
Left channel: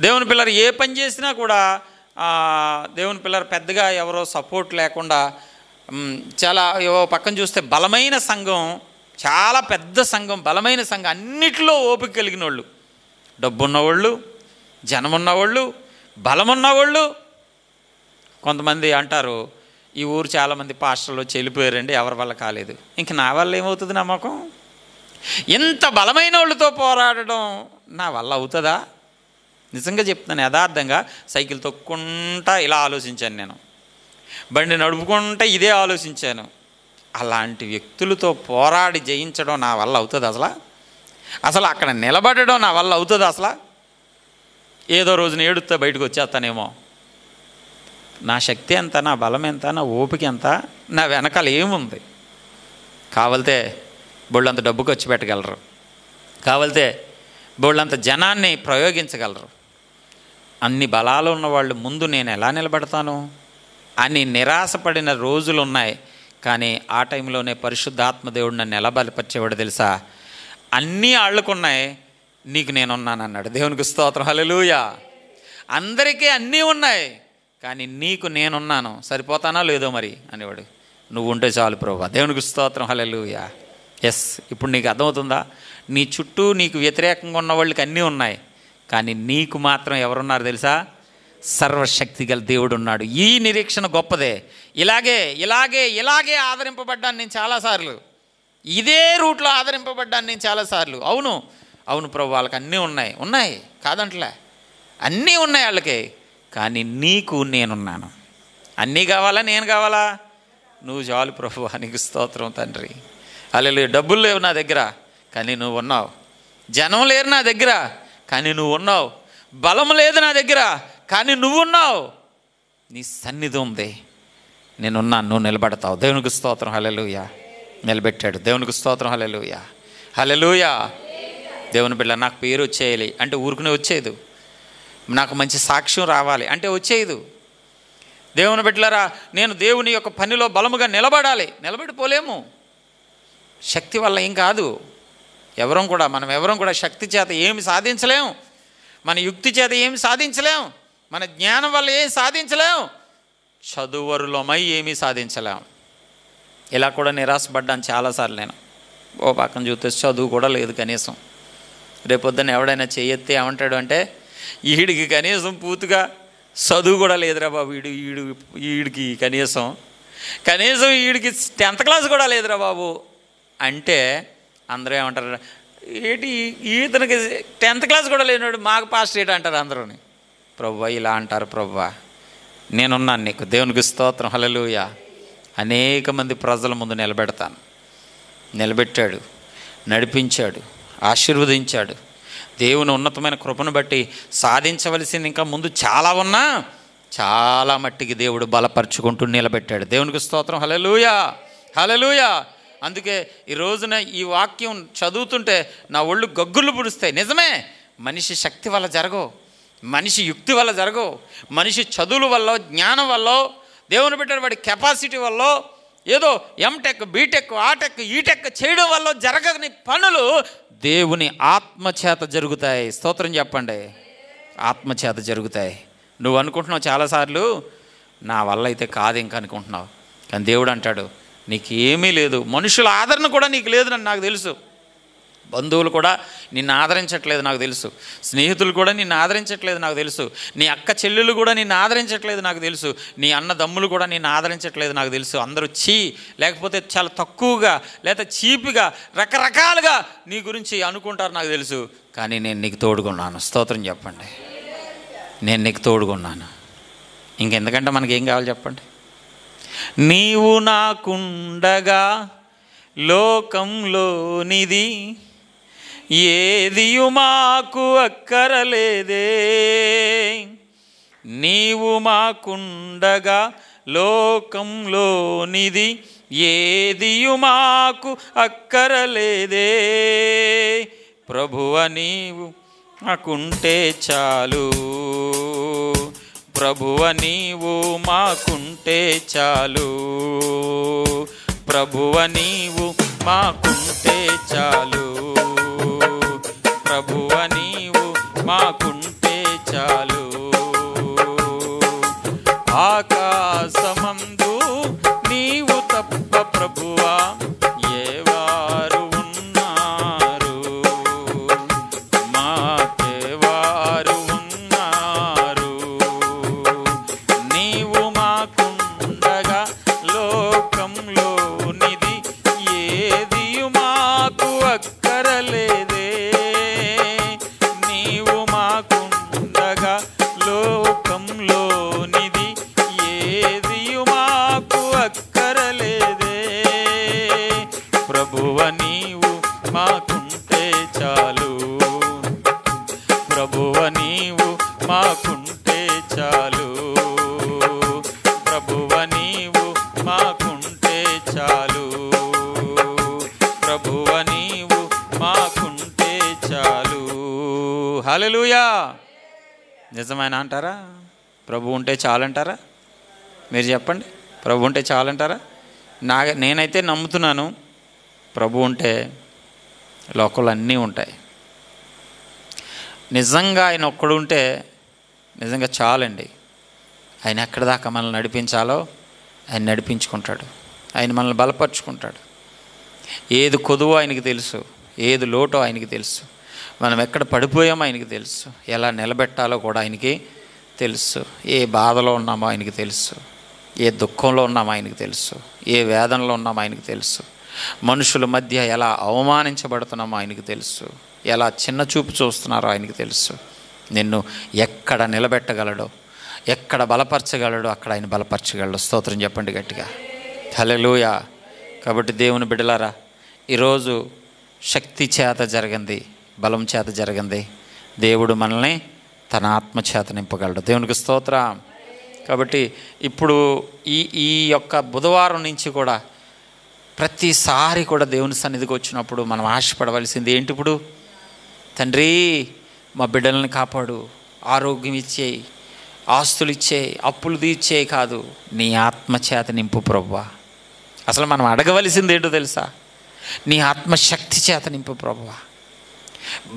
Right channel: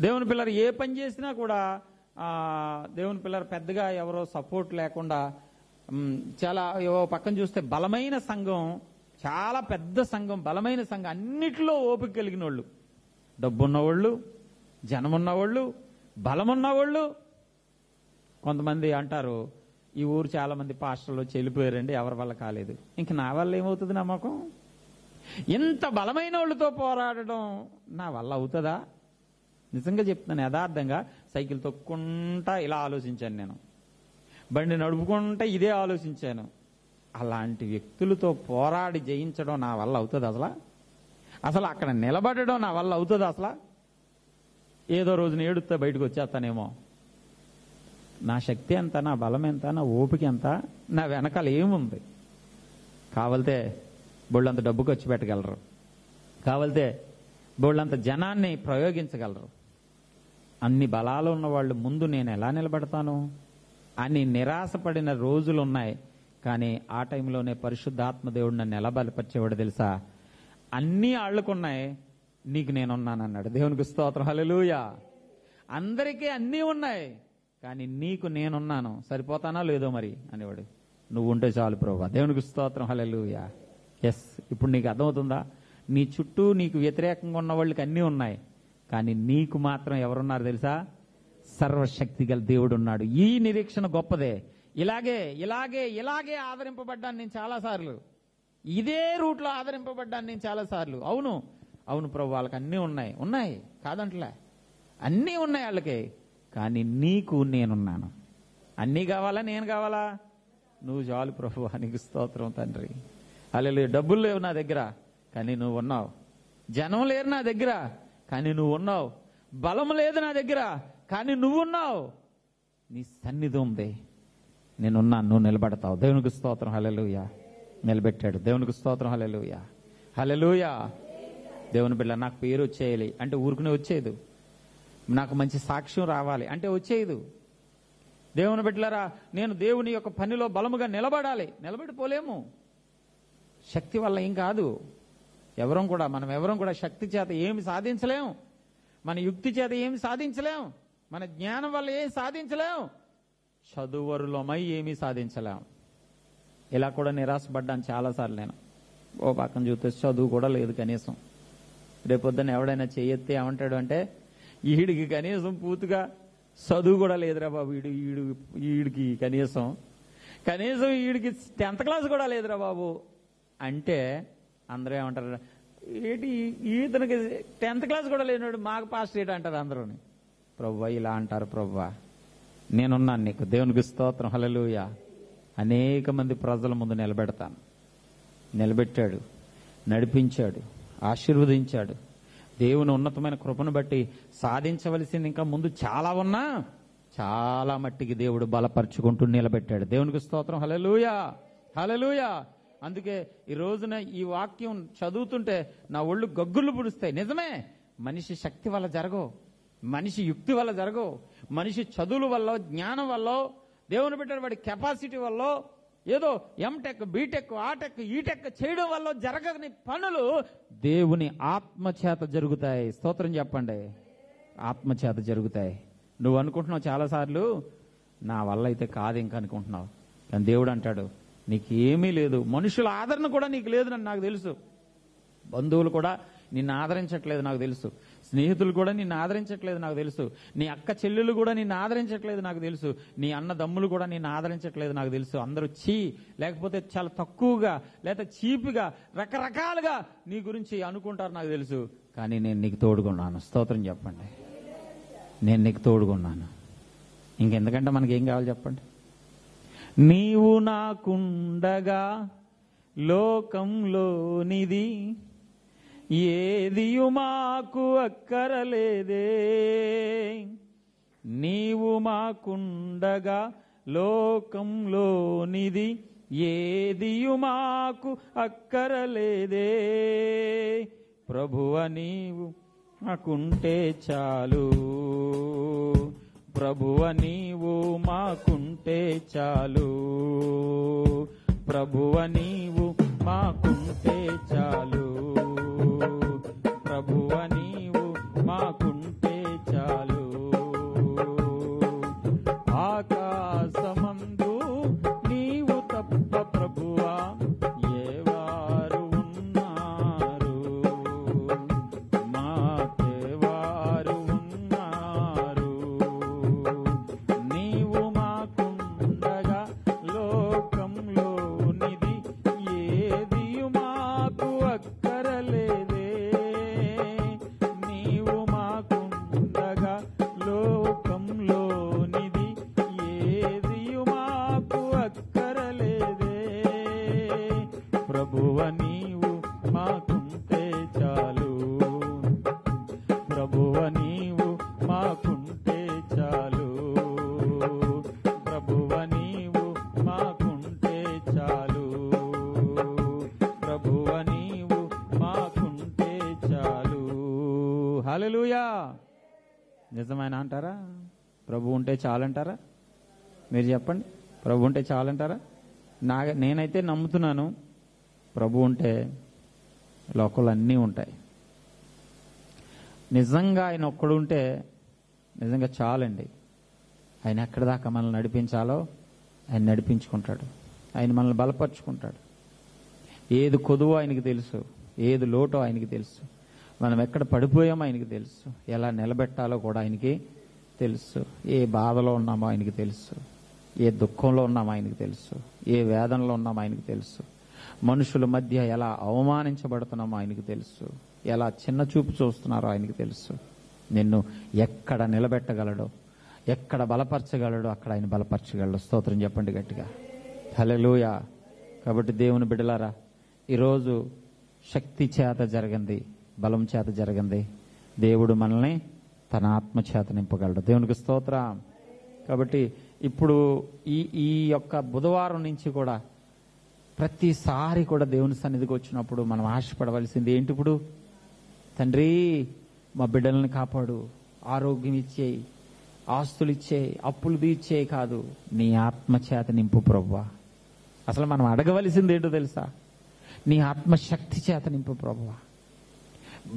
దేవుని పిల్లలు ఏ పని చేసినా కూడా దేవుని పిల్లలు పెద్దగా ఎవరో సపోర్ట్ లేకుండా, చాలా పక్కన చూస్తే బలమైన సంఘం, చాలా పెద్ద సంఘం, బలమైన సంఘం, అన్నిటిలో ఓపిక కలిగిన వాళ్ళు, డబ్బున్నవాళ్ళు, జనమున్నవాళ్ళు, బలమున్నవాళ్ళు. కొంతమంది అంటారు, ఈ ఊరు చాలామంది పాస్టర్లు వచ్చి వెళ్ళిపోయారండి, ఎవరి వల్ల కాలేదు. ఇంక నా వల్ల ఏమవుతుంది? నమ్మకం. ఇంత బలమైన వాళ్ళతో పోరాడడం నా వల్ల అవుతుందా? నిజంగా చెప్తున్నాను, యథార్థంగా. సైకిల్ తొక్కుంటా ఇలా ఆలోచించాను నేను, బండి నడుపుకుంటా ఇదే ఆలోచించాను. అలాంటి వ్యక్తులతో పోరాడి జయించడం నా వల్ల అవుతుంది అసలు? అసలు అక్కడ నిలబడడం నా వల్ల అవుతుంది అసలు? ఏదో రోజున ఏడుస్తా బయటకు వచ్చేస్తానేమో. నా శక్తి ఎంత, నా బలం ఎంత, నా ఓపిక ఎంత, నా వెనకాల ఏముంది? కావాలితే బోళ్ళంత డబ్బు ఖర్చు పెట్టగలరు, కావాలితే బోళ్ళంత జనాన్ని ప్రయోగించగలరు. అన్ని బలాలు ఉన్నవాళ్ళు ముందు నేను ఎలా నిలబడతాను అని నిరాశపడిన రోజులు ఉన్నాయి. కానీ ఆ టైంలోనే పరిశుద్ధాత్మ దేవుడు నన్ను ఎలా బలపరిచేవాడు తెలుసా? అన్నీ ఆళ్ళకున్నాయి, నీకు నేనున్నాను అన్నాడు. దేవునికి స్తోత్రం. హల్లెలూయా. అందరికీ అన్నీ ఉన్నాయి, కానీ నీకు నేనున్నాను. సరిపోతానా లేదో మరి అనేవాడు. నువ్వు ఉంటే చాలు ప్రభువా. దేవునికి స్తోత్రం. హల్లెలూయా. ఎస్. ఇప్పుడు నీకు అర్థమవుతుందా? నీ చుట్టూ నీకు వ్యతిరేకంగా ఉన్న వాళ్ళకి అన్నీ ఉన్నాయి, కానీ నీకు మాత్రం ఎవరున్నారు తెలుసా? సర్వశక్తి గల దేవుడు ఉన్నాడు. ఈ నిరీక్షణ గొప్పదే. ఇలాగే ఇలాగే ఇలాగే ఆదరింపబడ్డాను నేను చాలాసార్లు, ఇదే రూట్లో ఆదరింపబడ్డాను నేను చాలాసార్లు. అవును అవును ప్రభు, వాళ్ళకి అన్నీ ఉన్నాయి, ఉన్నాయి కాదంటలే, అన్నీ ఉన్నాయి వాళ్ళకి, కానీ నీకు నేనున్నాను. అన్నీ కావాలా? నేను కావాలా? నువ్వు చాలు ప్రభు. నీకు స్తోత్రం తండ్రి. హల్లెలూయా. డబ్బులు లేవు నా దగ్గర, కానీ నువ్వు ఉన్నావు. జనం లేరు నా దగ్గర, కానీ నువ్వు ఉన్నావు. బలం లేదు నా దగ్గర, కానీ నువ్వు ఉన్నావు. నీ సన్నిధి ఉంది, నేనున్నాను, నువ్వు నిలబడతావు. దేవునికి స్తోత్రం. హల్లెలూయా. నిలబెట్టాడు. దేవునికి స్తోత్రం. హల్లెలూయా. హల్లెలూయా. దేవుని బిడ్డ, నాకు పేరు వచ్చేయాలి అంటే ఊరుకునే వచ్చేది, నాకు మంచి సాక్ష్యం రావాలి అంటే వచ్చేది. దేవుని బిడ్డలారా, నేను దేవుని యొక్క పనిలో బలముగా నిలబడాలి. నిలబడిపోలేము, శక్తి వల్ల ఏం కాదు. మనం ఎవరం కూడా శక్తి చేత ఏమి సాధించలేము, మన యుక్తి చేత ఏమి సాధించలేం, మన జ్ఞానం వల్ల ఏం సాధించలేం, చదువరులమై ఏమీ సాధించలేం. ఇలా కూడా నిరాశపడ్డాను చాలాసార్లు నేను. ఓ పక్కన చూస్తే చదువు కూడా లేదు కనీసం. రేపొద్దున ఎవడైనా చేయెత్తే ఏమంటాడు అంటే, ఈడికి కనీసం పూర్తిగా చదువు కూడా లేదురా బాబు, వీడికి కనీసం వీడికి 10th క్లాస్ కూడా లేదురా బాబు అంటే అందరూ ఏమంటారు, ఏంటి ఈతనికి 10th క్లాస్ కూడా లేనివాడు మాకు పాస్టర్ ఏంటి అంటారు అందరూని. ప్రభువా ఇలా అంటారు, ప్రభువా నేనున్నాను నీకు, దేవునికి స్తోత్రం, హల్లెలూయా. అనేక మంది ప్రజల ముందు నిలబెట్టాడు, నడిపించాడు, ఆశీర్వదించాడు. దేవుని ఉన్నతమైన కృపను బట్టి సాధించవలసింది ఇంకా ముందు చాలా ఉన్నా చాలా మట్టికి దేవుడు బలపరుచుకుంటూ నిలబెట్టాడు. దేవునికి స్తోత్రం, హల్లెలూయా, హల్లెలూయా. అందుకే ఈ రోజున ఈ వాక్యం చదువుతుంటే నా ఒళ్ళు గగ్గులు పుడుస్తాయి. నిజమే, మనిషి శక్తి వల్ల జరగవు, మనిషి యుక్తి వల్ల జరగవు, మనిషి చదువుల వల్ల, జ్ఞానం వల్ల, దేవుని పెట్టిన వాడి కెపాసిటీ వల్ల, ఏదో ఎంటెక్, బీటెక్, ఆటెక్, ఈటెక్ చేయడం వల్ల జరగని పనులు దేవుని ఆత్మచేత జరుగుతాయి. స్తోత్రం చెప్పండి. ఆత్మచేత జరుగుతాయి. నువ్వు అనుకుంటున్నావు చాలాసార్లు నా వల్ల అయితే కాదు ఇంకా అనుకుంటున్నావు, కానీ దేవుడు అంటాడు నీకు ఏమీ లేదు. మనుషుల ఆదరణ కూడా నీకు లేదని నాకు తెలుసు. బంధువులు కూడా నిన్ను ఆదరించట్లేదు నాకు తెలుసు. స్నేహితులు కూడా నిన్ను ఆదరించట్లేదు నాకు తెలుసు. నీ అక్క చెల్లెలు కూడా నిన్ను ఆదరించట్లేదు నాకు తెలుసు. నీ అన్నదమ్ములు కూడా నిన్ను ఆదరించట్లేదు నాకు తెలుసు. అందరూ లేకపోతే చాలా తక్కువగా లేదా చీపిగా రకరకాలుగా నీ గురించి అనుకుంటారు నాకు తెలుసు. కానీ నేను నీకు తోడుకున్నాను. స్తోత్రం చెప్పండి. నేను నీకు తోడుకున్నాను. ఇంకెందుకంటే మనకేం కావాలి చెప్పండి. నీవు నాకుండగా లోకంలోనిది ఏదియు మాకు అక్కరలేదే. నీవు మాకుండగా లోకంలోనిది ఏదియు మాకు అక్కరలేదే. ప్రభువ నీవు మాకుంటే చాలు, ప్రభువ నీవు మాకుంటే చాలు, ప్రభువ నీవు మాకుంటే చాలు, ప్రభువ నీవు మాకుంటే చాలు. ఆకాశమందు నీవు తప్ప ప్రభువా ఏవారు ఉన్నారు, మాకేవారు ఉన్నారు. నీవు మాకుండగా లోకంలో ఏదియు మాకు అక్కరలేదే. నీవు మాకుండగా లోకంలోనిది ఏదియు మాకు అక్కరలేదే. ప్రభువ నీవు మాకుంటే చాలు, ప్రభువ నీవు మాకుంటే చాలు, ప్రభువ నీవు మాకుంటే చాలు, ప్రభువ నీవు మాకుంటే చాలు. హల్లెలూయా. నిజమైన అంటారా? ప్రభు ఉంటే చాలంటారా? మీరు చెప్పండి. ప్రభు ఉంటే చాలంటారా? నేనైతే నమ్ముతున్నాను, ప్రభు ఉంటే లోకంలో అన్నీ ఉంటాయి. నిజంగా ఆయన ఒక్కడు ఉంటే నిజంగా చాలండి. ఆయన ఎక్కడి దాకా మనల్ని నడిపించాలో ఆయన నడిపించుకుంటాడు. ఆయన మనల్ని బలపరుచుకుంటాడు. ఏది కొదువో ఆయనకి తెలుసు, ఏది లోటో ఆయనకి తెలుసు, మనం ఎక్కడ పడిపోయామో ఆయనకి తెలుసు, ఎలా నిలబెట్టాలో కూడా ఆయనకి తెలుసు. ఏ బాధలో ఉన్నామో ఆయనకి తెలుసు, ఏ దుఃఖంలో ఉన్నామో ఆయనకి తెలుసు, ఏ వేదనలో ఉన్నామో ఆయనకి తెలుసు, మనుషుల మధ్య ఎలా అవమానించబడుతున్నామో ఆయనకి తెలుసు, ఎలా చిన్న చూపు చూస్తున్నారో ఆయనకి తెలుసు. నిన్ను ఎక్కడ నిలబెట్టగలడో, ఎక్కడ బలపరచగలడో అక్కడ ఆయన బలపరచగలడు. స్తోత్రం చెప్పండి గట్టిగా, హల్లెలూయా. కాబట్టి దేవుని బిడ్డలారా, ఈరోజు శక్తి చేత జరిగింది, బలం చేత జరిగింది. దేవుడు మనల్ని తన ఆత్మ చేత నింపగలడు. దేవునికి స్తోత్రం. కాబట్టి ఇప్పుడు ఈ యొక్క బుధవారం నుంచి కూడా ప్రతిసారి కూడా దేవుని సన్నిధికి వచ్చినప్పుడు మనం ఆశపడవలసింది ఏంటి? ఇప్పుడు తండ్రి మా బిడ్డలను కాపాడు, ఆరోగ్యం ఇచ్చేయి, ఆస్తులు ఇచ్చేయి, అప్పులు తీర్చేయి కాదు, నీ ఆత్మచేత నింపు ప్రభువా. అసలు మనం అడగవలసింది ఏంటో తెలుసా? నీ ఆత్మశక్తి చేత నింపు ప్రభువా.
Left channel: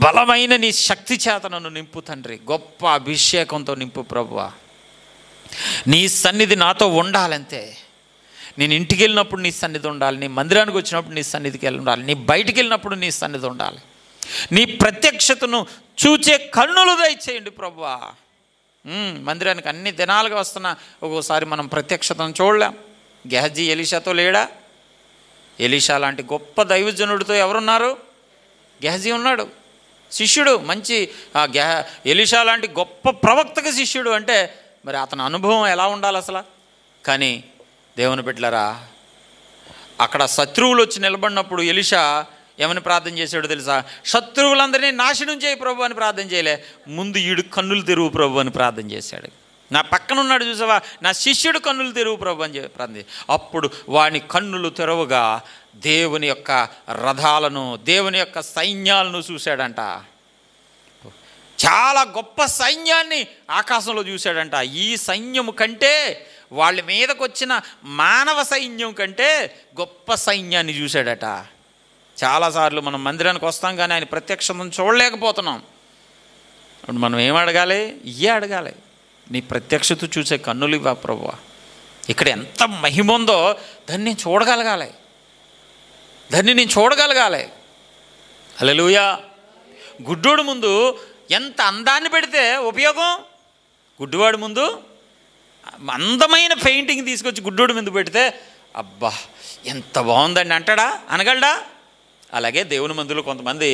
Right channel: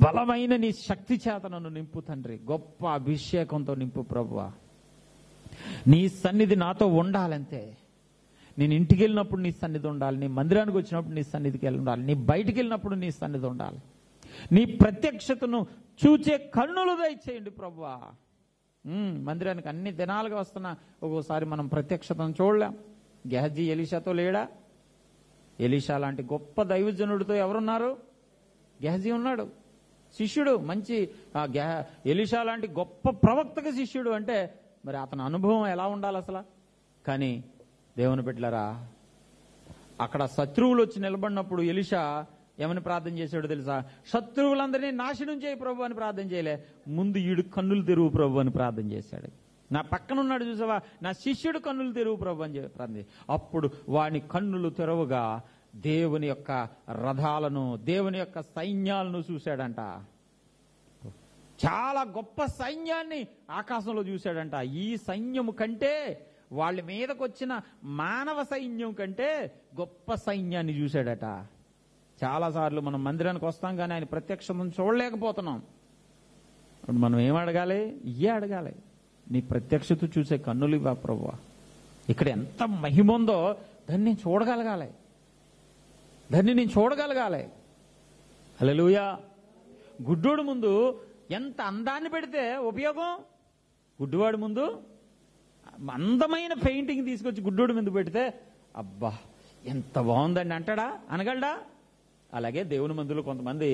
బలమైన నీ శక్తి చేత నన్ను నింపు తండ్రి. గొప్ప అభిషేకంతో నింపు ప్రభువా. నీ సన్నిధి నాతో ఉండాలంతే. నేను ఇంటికి వెళ్ళినప్పుడు నీ సన్నిధి ఉండాలి, నీ మందిరానికి వచ్చినప్పుడు నీ సన్నిధికి వెళ్ళి ఉండాలి, నీ బయటికి వెళ్ళినప్పుడు నీ సన్నిధి ఉండాలి. నీ ప్రత్యక్షతను చూచే కన్నులు దయచేయండి ప్రభువా. మందిరానికి అన్ని దినాలుగా వస్తున్నా ఒక్కోసారి మనం ప్రత్యక్షతను చూడలేం. గెహజీ ఎలీషాతో లేడా? ఎలీషా లాంటి గొప్ప దైవజనుడితో ఎవరున్నారు? గెహజీ ఉన్నాడు, శిష్యుడు. మంచి ఎలీషా లాంటి గొప్ప ప్రవక్తకి శిష్యుడు అంటే మరి అతని అనుభవం ఎలా ఉండాలి అసలు? కానీ దేవుని బిడ్డలారా, అక్కడ శత్రువులు వచ్చి నిలబడినప్పుడు ఎలీషా ఏమని ప్రార్థన చేశాడో తెలుసా? శత్రువులందరినీ నాశనం చేయి ప్రభు అని ప్రార్థన చేయలే, ముందు ఈడు కన్నులు తెరువు ప్రభు అని ప్రార్థన చేశాడు. నా పక్కన ఉన్నాడు చూసావా, నా శిష్యుడు కన్నులు తెరువు ప్రభు అని ప్రార్థన. అప్పుడు వాని కన్నులు తెరవగా దేవుని యొక్క రథాలను, దేవుని యొక్క సైన్యాలను చూశాడంట. చాలా గొప్ప సైన్యాన్ని ఆకాశంలో చూశాడంట. ఈ సైన్యము కంటే, వాళ్ళ మీదకు వచ్చిన మానవ సైన్యం కంటే గొప్ప సైన్యాన్ని చూశాడట. చాలాసార్లు మనం మందిరానికి వస్తాం కానీ ఆయన ప్రత్యక్షతను చూడలేకపోతున్నాం. ఇప్పుడు మనం ఏం అడగాలి? ఇయ్యే అడగాలి, నీ ప్రత్యక్షత చూసే కన్నులు ఇవ్వ ప్రభువా. ఇక్కడ ఎంత మహిమ ఉందో దాన్ని నేను చూడగలగాలి, దాన్ని నేను చూడగలగాలి. హల్లెలూయా. గుడ్డోడు ముందు ఎంత అందాన్ని పెడితే ఉపయోగం? గుడ్డివాడి ముందు అందమైన పెయింటింగ్ తీసుకొచ్చి గుడ్డోడు ముందు పెడితే అబ్బా ఎంత బాగుందండి అంటాడా? అనగలడా? అలాగే దేవుని మందులో కొంతమంది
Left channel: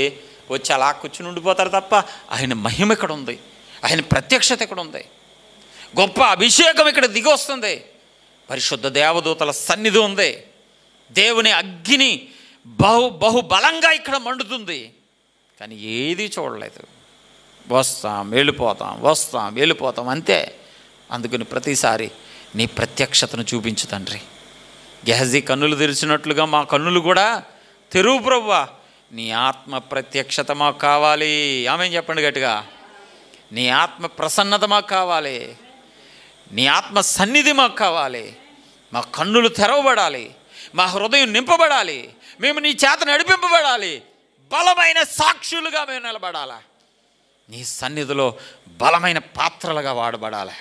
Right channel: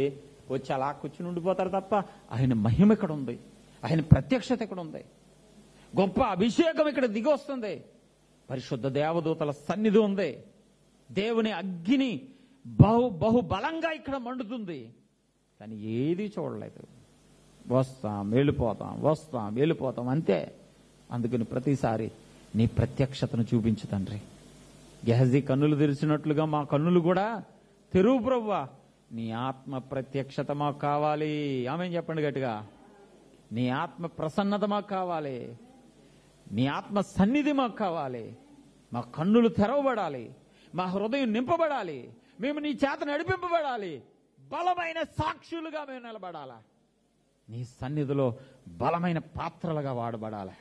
వచ్చి అలా కూర్చుని ఉండిపోతారు తప్ప ఆయన మహిమ ఇక్కడ ఉంది, ఆయన ప్రత్యక్షత ఇక్కడ ఉంది, గొప్ప అభిషేకం ఇక్కడ దిగి వస్తుంది, పరిశుద్ధ దేవదూతల సన్నిధి ఉంది, దేవుని అగ్ని బహుబలంగా ఇక్కడ మండుతుంది. కానీ ఏది చూడలేదు. వస్తాం వెళ్ళిపోతాం, వస్తాం వెళ్ళిపోతాం అంతే. అందుకని ప్రతిసారి నీ ప్రత్యక్షతను చూపించు తండ్రి. గెహజీ కన్నులు తెరిచినట్లుగా మా కన్నులు కూడా తెరువు ప్రభువా. నీ ఆత్మ ప్రత్యక్షత మాకు కావాలి. ఆమె చెప్పండి గట్టిగా. నీ ఆత్మ ప్రసన్నత మాకు కావాలి, నీ ఆత్మ సన్నిధి మాకు కావాలి. మా కన్నులు తెరవబడాలి, మా హృదయం నింపబడాలి, మేము నీ చేత నడిపింపబడాలి, బలమైన సాక్షులుగా మేము నిలబడాలి, నీ సన్నిధిలో బలమైన పాత్రలుగా వాడబడాలి.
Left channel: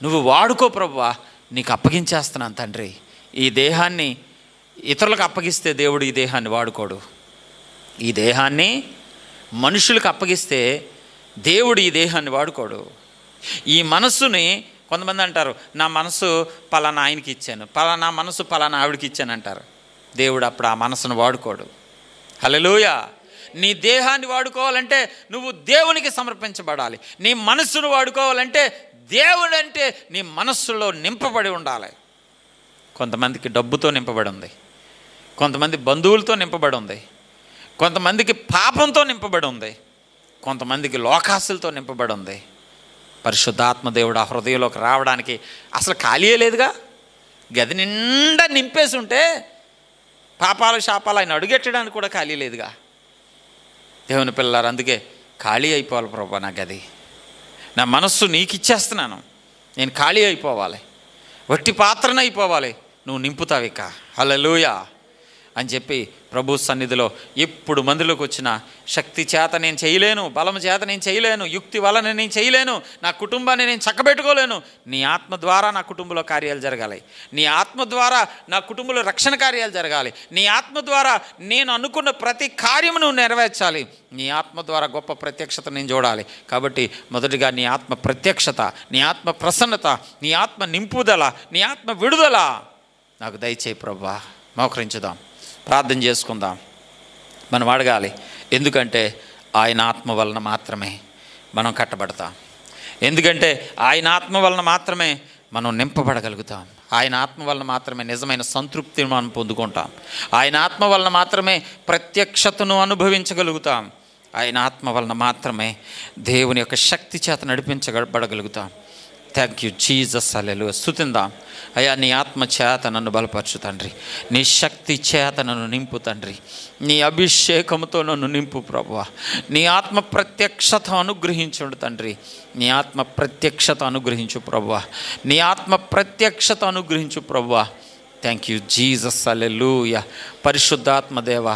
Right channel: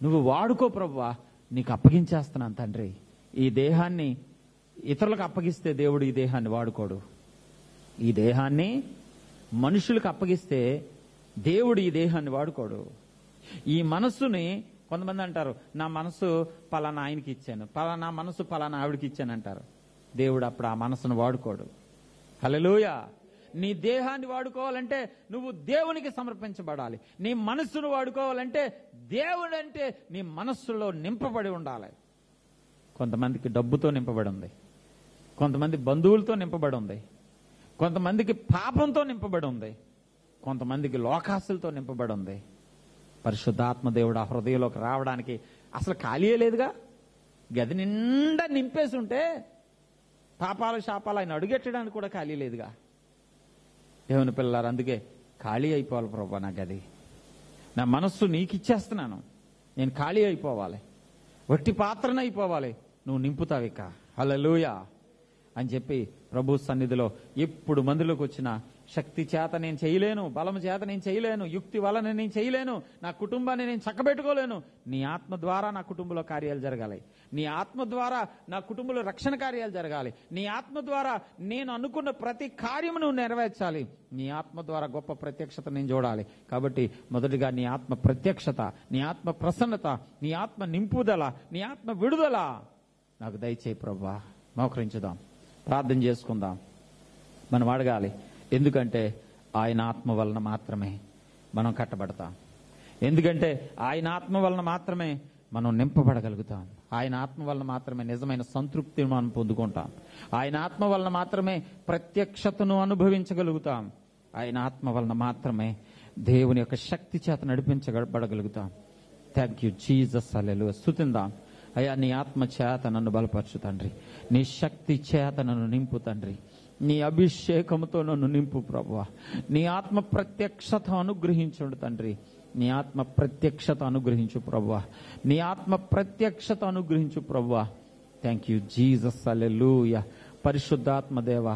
నువ్వు వాడుకో ప్రభువా, నీకు అప్పగించేస్తున్నాను తండ్రి. ఈ దేహాన్ని ఇతరులకు అప్పగిస్తే దేవుడు ఈ దేహాన్ని వాడుకోడు. ఈ దేహాన్ని మనుషులకు అప్పగిస్తే దేవుడు ఈ దేహాన్ని వాడుకోడు. ఈ మనస్సుని కొంతమంది అంటారు, నా మనసు పలానా ఆయనకి ఇచ్చాను, పలానా మనసు పలానా ఆవిడకి ఇచ్చాను అంటారు. దేవుడు అప్పుడు ఆ మనసును వాడుకోడు. హల్లెలూయా. నీ దేహాన్ని వాడుకోవాలంటే నువ్వు దేవునికి సమర్పించబడాలి. నీ మనస్సును వాడుకోవాలంటే దేవుడు అంటే నీ మనస్సులో నింపబడి ఉండాలి. కొంతమందికి డబ్బుతో నింపబడి ఉంది, కొంతమంది బంధువులతో నింపబడి ఉంది, కొంతమందికి పాపంతో నింపబడి ఉంది, కొంతమందికి లోకాసులతో నింపబడి ఉంది. పరిశుద్ధాత్మ దేవుడు ఆ హృదయంలోకి రావడానికి అసలు ఖాళీయే లేదుగా. గది నిండా నింపేసి ఉంటే పాపాలు శాపాలు ఆయన అడుగెట్టడానికి కూడా ఖాళీ లేదుగా. దేవుని పిల్లలారు, అందుకే ఖాళీ అయిపోవాలి ప్రభా. నా గది, నా మనస్సు నీకు ఇచ్చేస్తున్నాను, నేను ఖాళీ అయిపోవాలి, వట్టి పాత్రన అయిపోవాలి, నువ్వు నింపుతావు ఇక. హల్లెలూయా అని చెప్పి ప్రభు సన్నిధిలో ఎప్పుడు మందిలోకి వచ్చిన శక్తి చేత నేను చేయలేను, బలం చేత నేను చేయలేను, యుక్తి వలన నేను చేయలేను, నా కుటుంబాన్ని నేను చక్కబెట్టుకోలేను. నీ ఆత్మ ద్వారా నా కుటుంబంలో కార్యాలు జరగాలి, నీ ఆత్మ ద్వారా నా కుటుంబంలో రక్షణ కార్యాలు జరగాలి, నీ ఆత్మ ద్వారా నేను అనుకున్న ప్రతి కార్యము నువ్వు నెరవేర్చాలి, నీ ఆత్మ ద్వారా గొప్ప ప్రత్యక్షత నేను చూడాలి. కాబట్టి మొదటిగా నీ ఆత్మ ప్రత్యక్షత, నీ ఆత్మ ప్రసన్నత, నీ ఆత్మ నింపుదల, నీ ఆత్మ విడుదల నాకు దయచేయి ప్రభువా. మోకరించుదాం, ప్రార్థన చేసుకుందాం. మనం అడగాలి. ఎందుకంటే ఆయన ఆత్మ వలన మాత్రమే మనం కట్టబడతాం. ఎందుకంటే ఆయన ఆత్మ వలన మాత్రమే మనం నింపబడగలుగుతాం. ఆయన ఆత్మ వలన మాత్రమే నిజమైన సంతృప్తిని మనం పొందుకుంటాం. ఆయన ఆత్మ వలన మాత్రమే ప్రత్యక్షతను అనుభవించగలుగుతాం. ఆయన ఆత్మ వలన మాత్రమే దేవుని యొక్క శక్తి చేత నడిపించబడగలుగుతాం. Thank you Jesus. హల్లెలూయా. స్తుతిందాం. అయ్యా, నీ ఆత్మ చేత నన్ను బలపరచు తండ్రి, నీ శక్తి చేత నన్ను నింపు తండ్రి, నీ అభిషేకంతో నన్ను నింపు ప్రభువా. నీ ఆత్మ ప్రత్యక్షత అనుగ్రహించుడు తండ్రి, నీ ఆత్మ ప్రత్యక్షత అనుగ్రహించు ప్రభువా, నీ ఆత్మ ప్రత్యక్షత అనుగ్రహించు ప్రభువా. Thank you Jesus. హల్లెలూయా. పరిశుద్ధాత్మ దేవ,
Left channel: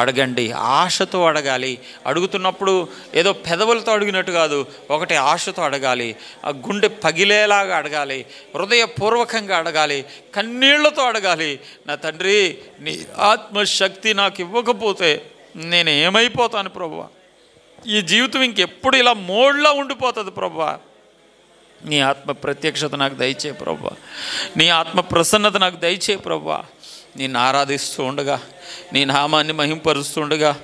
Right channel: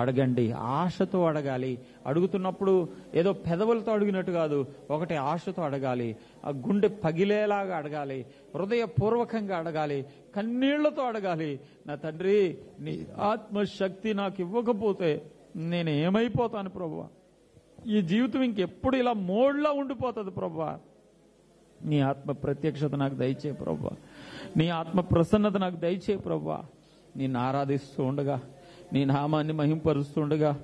అడగండి, ఆశతో అడగాలి. అడుగుతున్నప్పుడు ఏదో పెదవులతో అడిగినట్టు కాదు, ఒకటి ఆశతో అడగాలి, ఆ గుండె పగిలేలాగా అడగాలి, హృదయపూర్వకంగా అడగాలి, కన్నీళ్లతో అడగాలి. నా తండ్రి, నీ ఆత్మశక్తి నాకు ఇవ్వకపోతే నేను ఏమైపోతాను ప్రభువా? ఈ జీవితం ఇంకెప్పుడు ఇలా మోడ్లా ఉండిపోతుంది ప్రభువా. నీ ఆత్మ ప్రత్యక్షత నాకు దయచే ప్రభువా, నీ ఆత్మ ప్రసన్నత నాకు దయచే ప్రభువా. నిన్ను ఆరాధిస్తూ ఉండగా, నీ నామాన్ని మహింపరుస్తూ ఉండగా,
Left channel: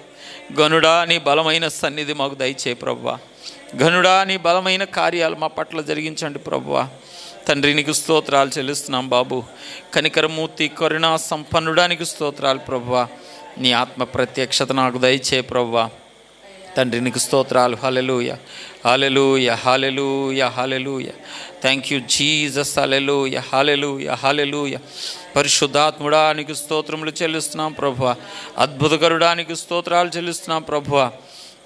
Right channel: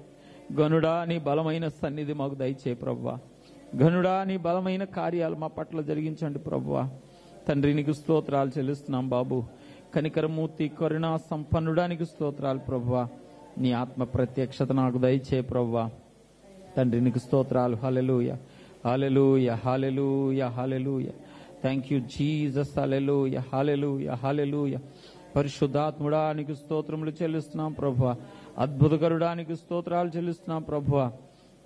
గనుడా నీ బలమైన సన్నిధి మాకు దయచే ప్రభువా. గనుడా నీ బలమైన కార్యాలు మా పట్ల జరిగించండి ప్రభువా. తండ్రి నీకు స్తోత్రాలు చెల్లిస్తున్నాం బాబు. కనికరమూర్తి కరుణా సంపన్నుడానికి స్తోత్రాలు ప్రభువా. నీ ఆత్మ ప్రత్యక్షత నాకు దయచే ప్రభువా. తండ్రి నీకు స్తోత్రాలు. హల్లెలూయా, హల్లెలూయా, హల్లెలూయా, హల్లెలూయా. Thank you Jesus. హల్లెలూయా, హల్లెలూయా, హల్లెలూయా. పరిశుద్ధాత్ముడా నీకు స్తోత్రములు చెల్లిస్తున్నాం ప్రభువా. అద్భుతకరుడా నీకు స్తోత్రాలు చెల్లిస్తున్నాం ప్రభువా.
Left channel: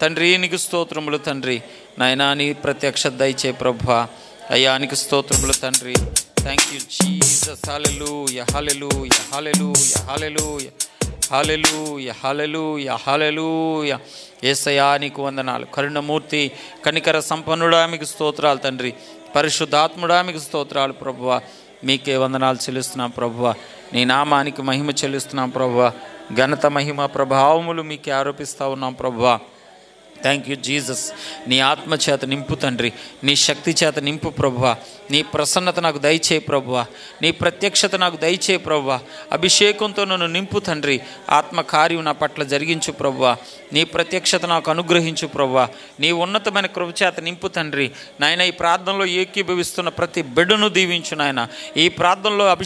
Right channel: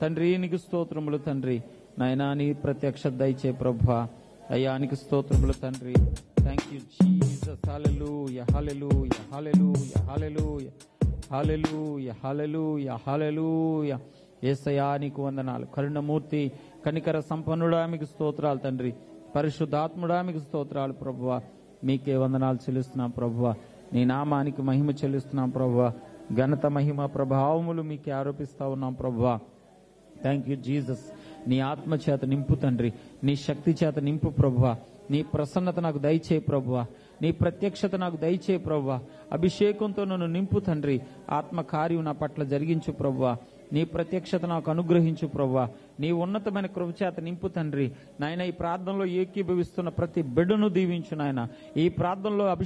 తండ్రి నీకు స్తోత్రములు తండ్రి. నాయనా నీ ప్రత్యక్షత దయచే ప్రభువా. అయ్యా నీకు స్తోత్రములు తండ్రి. Thank you Jesus. హల్లెలూయా, హల్లెలూయా, హల్లెలూయా, హల్లెలూయా, హల్లెలూయా, హల్లెలూయా, హల్లెలూయా. యేసయ్యా నీకు వందనాలు. కరుణమూర్తి కనికర సంపన్నుడా మీకు స్తోత్రాలు తండ్రి. పరిశుద్ధాత్ముడా మీకు స్తోత్రాలు ప్రభువా. మీకే వందనాలు చెల్లిస్తున్నాం ప్రభువా. నీ నామానికి మహిమ చెల్లిస్తున్నాం ప్రభువా. ఘనత మహిమ ప్రభావములు మీకే ఆరోపిస్తూ ఉన్నాం ప్రభువా. Thank you Jesus. నీ ఆత్మ చేత నింపు తండ్రి, నీ శక్తి చేత నింపు ప్రభువా. నీ ప్రసన్నత నాకు దయచే ప్రభువా. నీ ప్రత్యక్షత నాకు దయచే ప్రభువా. అభిషేకంతో నన్ను నింపు తండ్రి. ఆత్మ కార్యం నా పట్ల జరిగించు ప్రభువా. నీ ప్రత్యక్షత నాకు అనుగ్రహించు ప్రభువా. నీ ఉన్నతమైన కృప చేత నింపు తండ్రి. నాయన ఈ ప్రార్థనలో ఏకీభవిస్తున్న ప్రతి బిడ్డను దీవించు నాయన. ఈ ప్రార్థనలో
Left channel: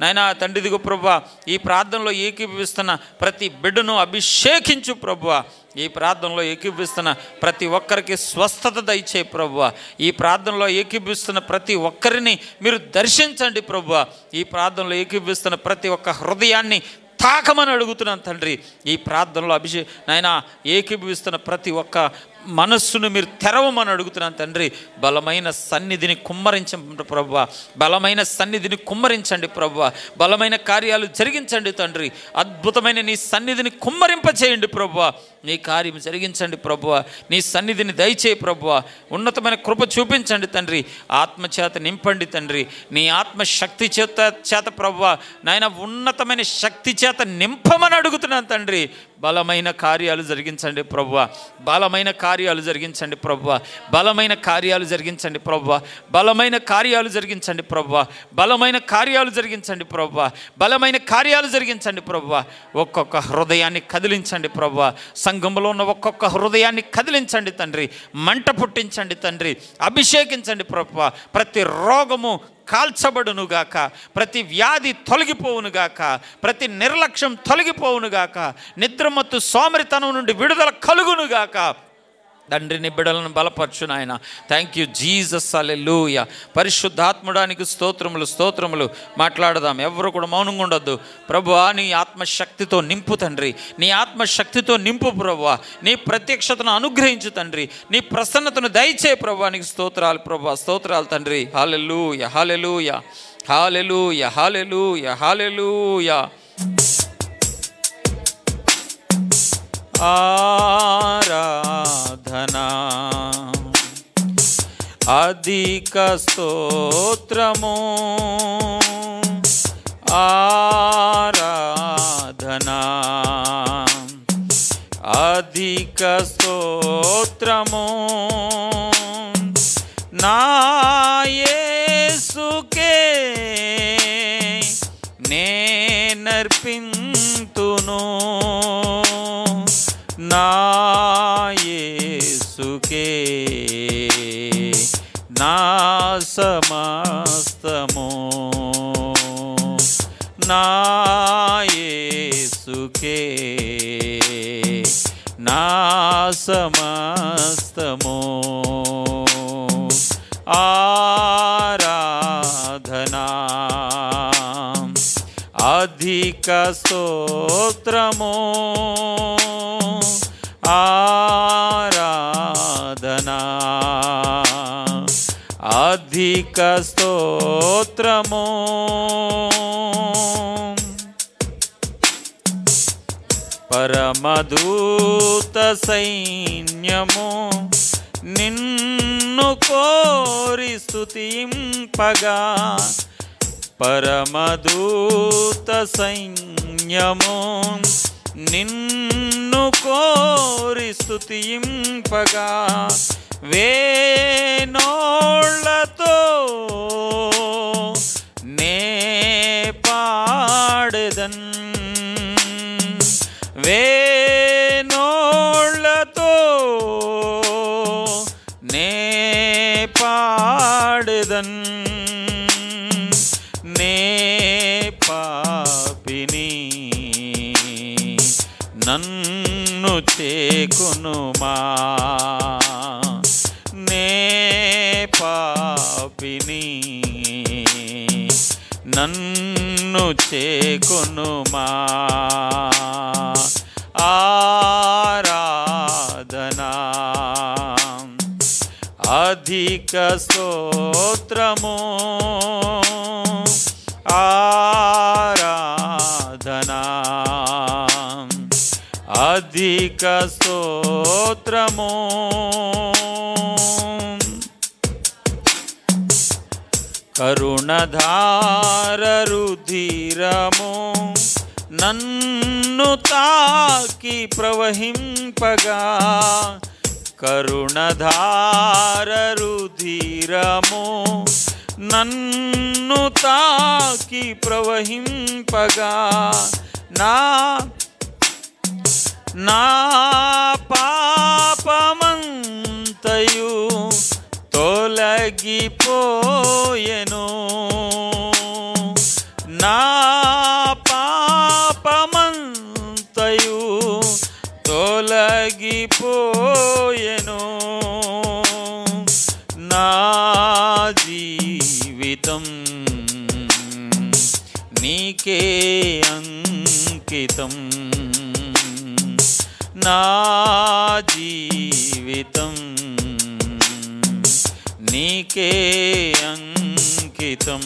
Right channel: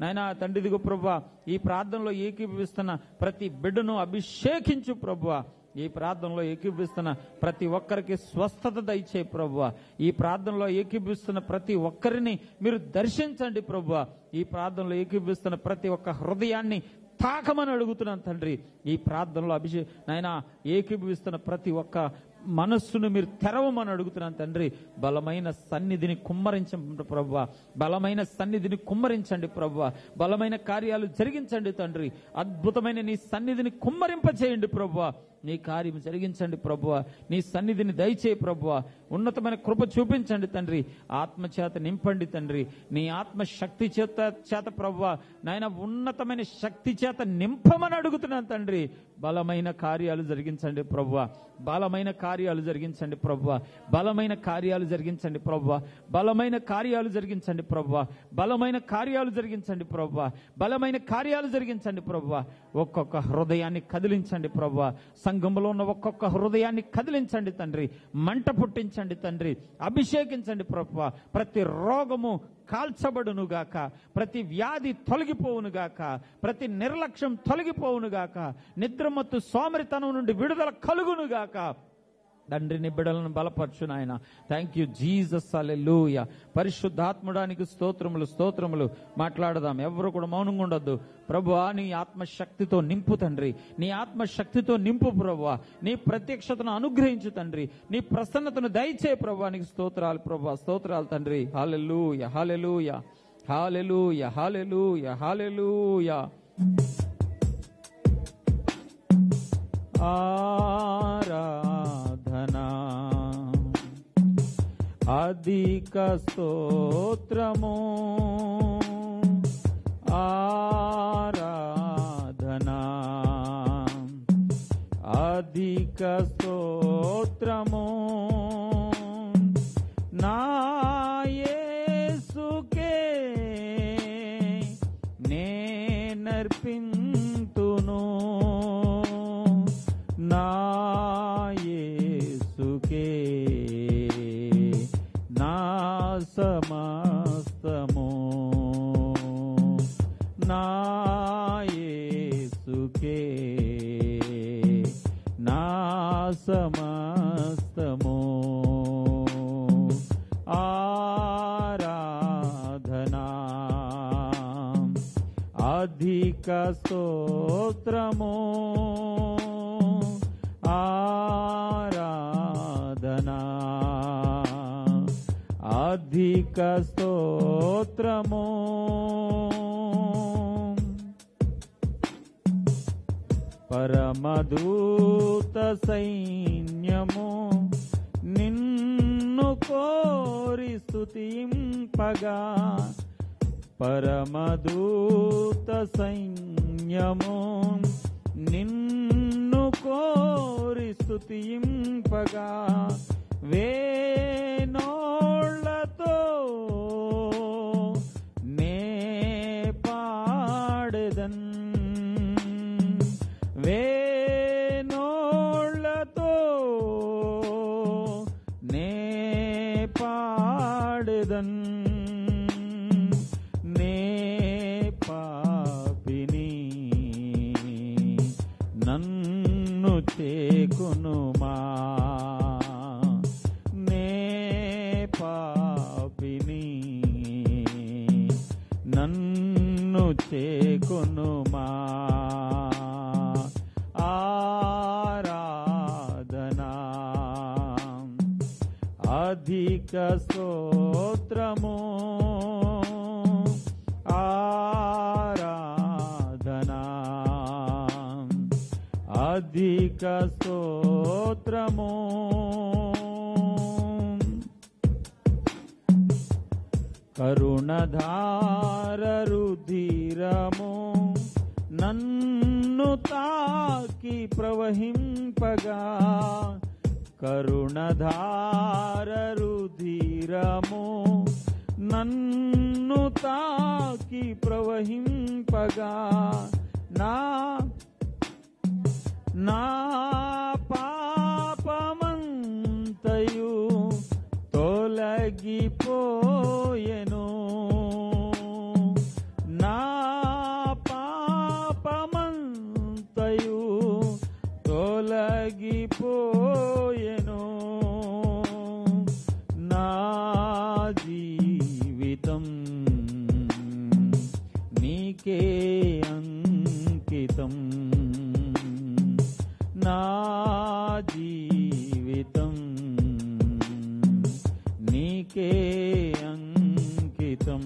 నాయన తండ్రి దిగు ప్రభువా. ఈ ప్రార్థనలో ఏకీభవిస్తున్న ప్రతి బిడ్డను అభిషేకించు ప్రభువా. ఈ ప్రార్థనలో ఏకీభవిస్తున్న ప్రతి ఒక్కరికి స్వస్థత దయచే ప్రభువా. ఈ ప్రార్థనలో ఏకీభవిస్తున్న ప్రతి ఒక్కరిని మీరు దర్శించండి ప్రభువా. ఈ ప్రార్థనలో ఏకీభవిస్తున్న ప్రతి ఒక్క హృదయాన్ని తాకమని అడుగుతున్నాను తండ్రి. ఈ ప్రార్థనలో నాయన ఏకీభవిస్తున్న ప్రతి ఒక్క మనస్సును మీరు తెరవమని అడుగుతున్నాను తండ్రి. బలమైన సన్నిధిని కుమ్మరించండి ప్రభువా. బలమైన సన్నిధిని కుమ్మరించండి ప్రభువా. బలమైన కార్యాలు జరిగించండి తండ్రి. అద్భుతమైన నీ సన్నిధిని కుమ్మరింపచేయండి ప్రభువా. నీ కార్యం జరిగించండి ప్రభువా. నీ సన్నిధిని దయచేయి ప్రభువా. ఉన్నతమైన కృప చూపించండి తండ్రి. ఆత్మచేత నింపండి తండ్రి. నీ ఆత్మ శక్తి చేత ప్రభువా నాయన ఉన్నతమైన శక్తి చేత నింపమని అడుగుతున్నాను తండ్రి. బలమైన కార్యాలు జరిగించండి ప్రభువా. బలమైన కార్యాలు జరిగించండి ప్రభువా. బలమైన కార్యాలు జరిగించండి ప్రభువా. బలమైన కార్యాలు జరిగించండి ప్రభువా. బలమైన కార్యాలు జరిగించండి ప్రభువా. బలమైన కార్యాలు జరిగించండి ప్రభువా. ఒక్కొక్క హృదయాన్ని కదిలించండి ప్రభువా. సంఘంలో ఉన్న ఒక్కొక్క హృదయాన్ని కదిలించండి తండ్రి. మంట పుట్టించండి తండ్రి. అభిషేకించండి ప్రభువా. ప్రతి రోగము కాల్చబడునుగాక. ప్రతి వ్యాధి తొలగిపోవునుగాక. ప్రతి నిర్లక్ష్యం తొలగిపోవునుగాక. నిద్రమత్తు సోమరితనం నుండి విడుదల కలుగునుగాక. తండ్రిని బిడ్డలను బలపరచు నాయన. Thank you Jesus. హల్లెలూయా. పరిశుద్ధాత్ముడానికి స్తోత్రములు, స్తోత్రములు. మాట్లాడదాం, ఎవరు కూడా మౌనంగా ఉండొద్దు. ప్రభువా నీ ఆత్మశక్తితో నింపు తండ్రి. నీ ఆత్మశక్తితో నింపు ప్రభువా. నీ ప్రత్యక్షతను అనుగ్రహించు తండ్రి. నీ ప్రసన్నతను దయచే ప్రభువా. నీకు స్తోత్రాలు ప్రభువా. స్తోత్రాలు తండ్రి. హల్లెలూయా, హల్లెలూయా, హల్లెలూయా, హల్లెలూయా, హల్లెలూయా. ఆరాధనా అధిక స్తోత్రము. ఆరాధనా అధిక స్తోత్రము. నా యేసుకే నేనర్పింతును. నా యేసుకే నా సమస్తము. నా యేసుకే నా సమస్తము. ఆరాధనా అధిక స్తోత్రము. ఆరాధనా అధిక స్తోత్రము. పరమదూత సైన్యము నిన్ను కోరి స్తుతింపగా. పరమదూత సైన్యము నిన్ను కోరి స్తుతింపగా. వేనోళ్ళతో నే పాడెదన్, వేనోళ్ళతో నే పాడెదన్, నే పాపిని నన్ను చేకొనుమా, నే పాపిని నన్ను చేకొనుమా. ఆరాధనా అధిక స్తోత్రము, ఆరాధనా అధిక స్తోత్రము. కరుణధార రుధిరము నన్ను తాకి ప్రవహింపగా, కరుణధార రుధిరము నన్ను తాకి ప్రవహింపగా, నా పాపమంతయు తొలగిపోయెను, నా పాపమంతయు తొలగిపోయెను. నా జీవితం నీకే అంకితం, నా జీవితం నీకే అంకితం.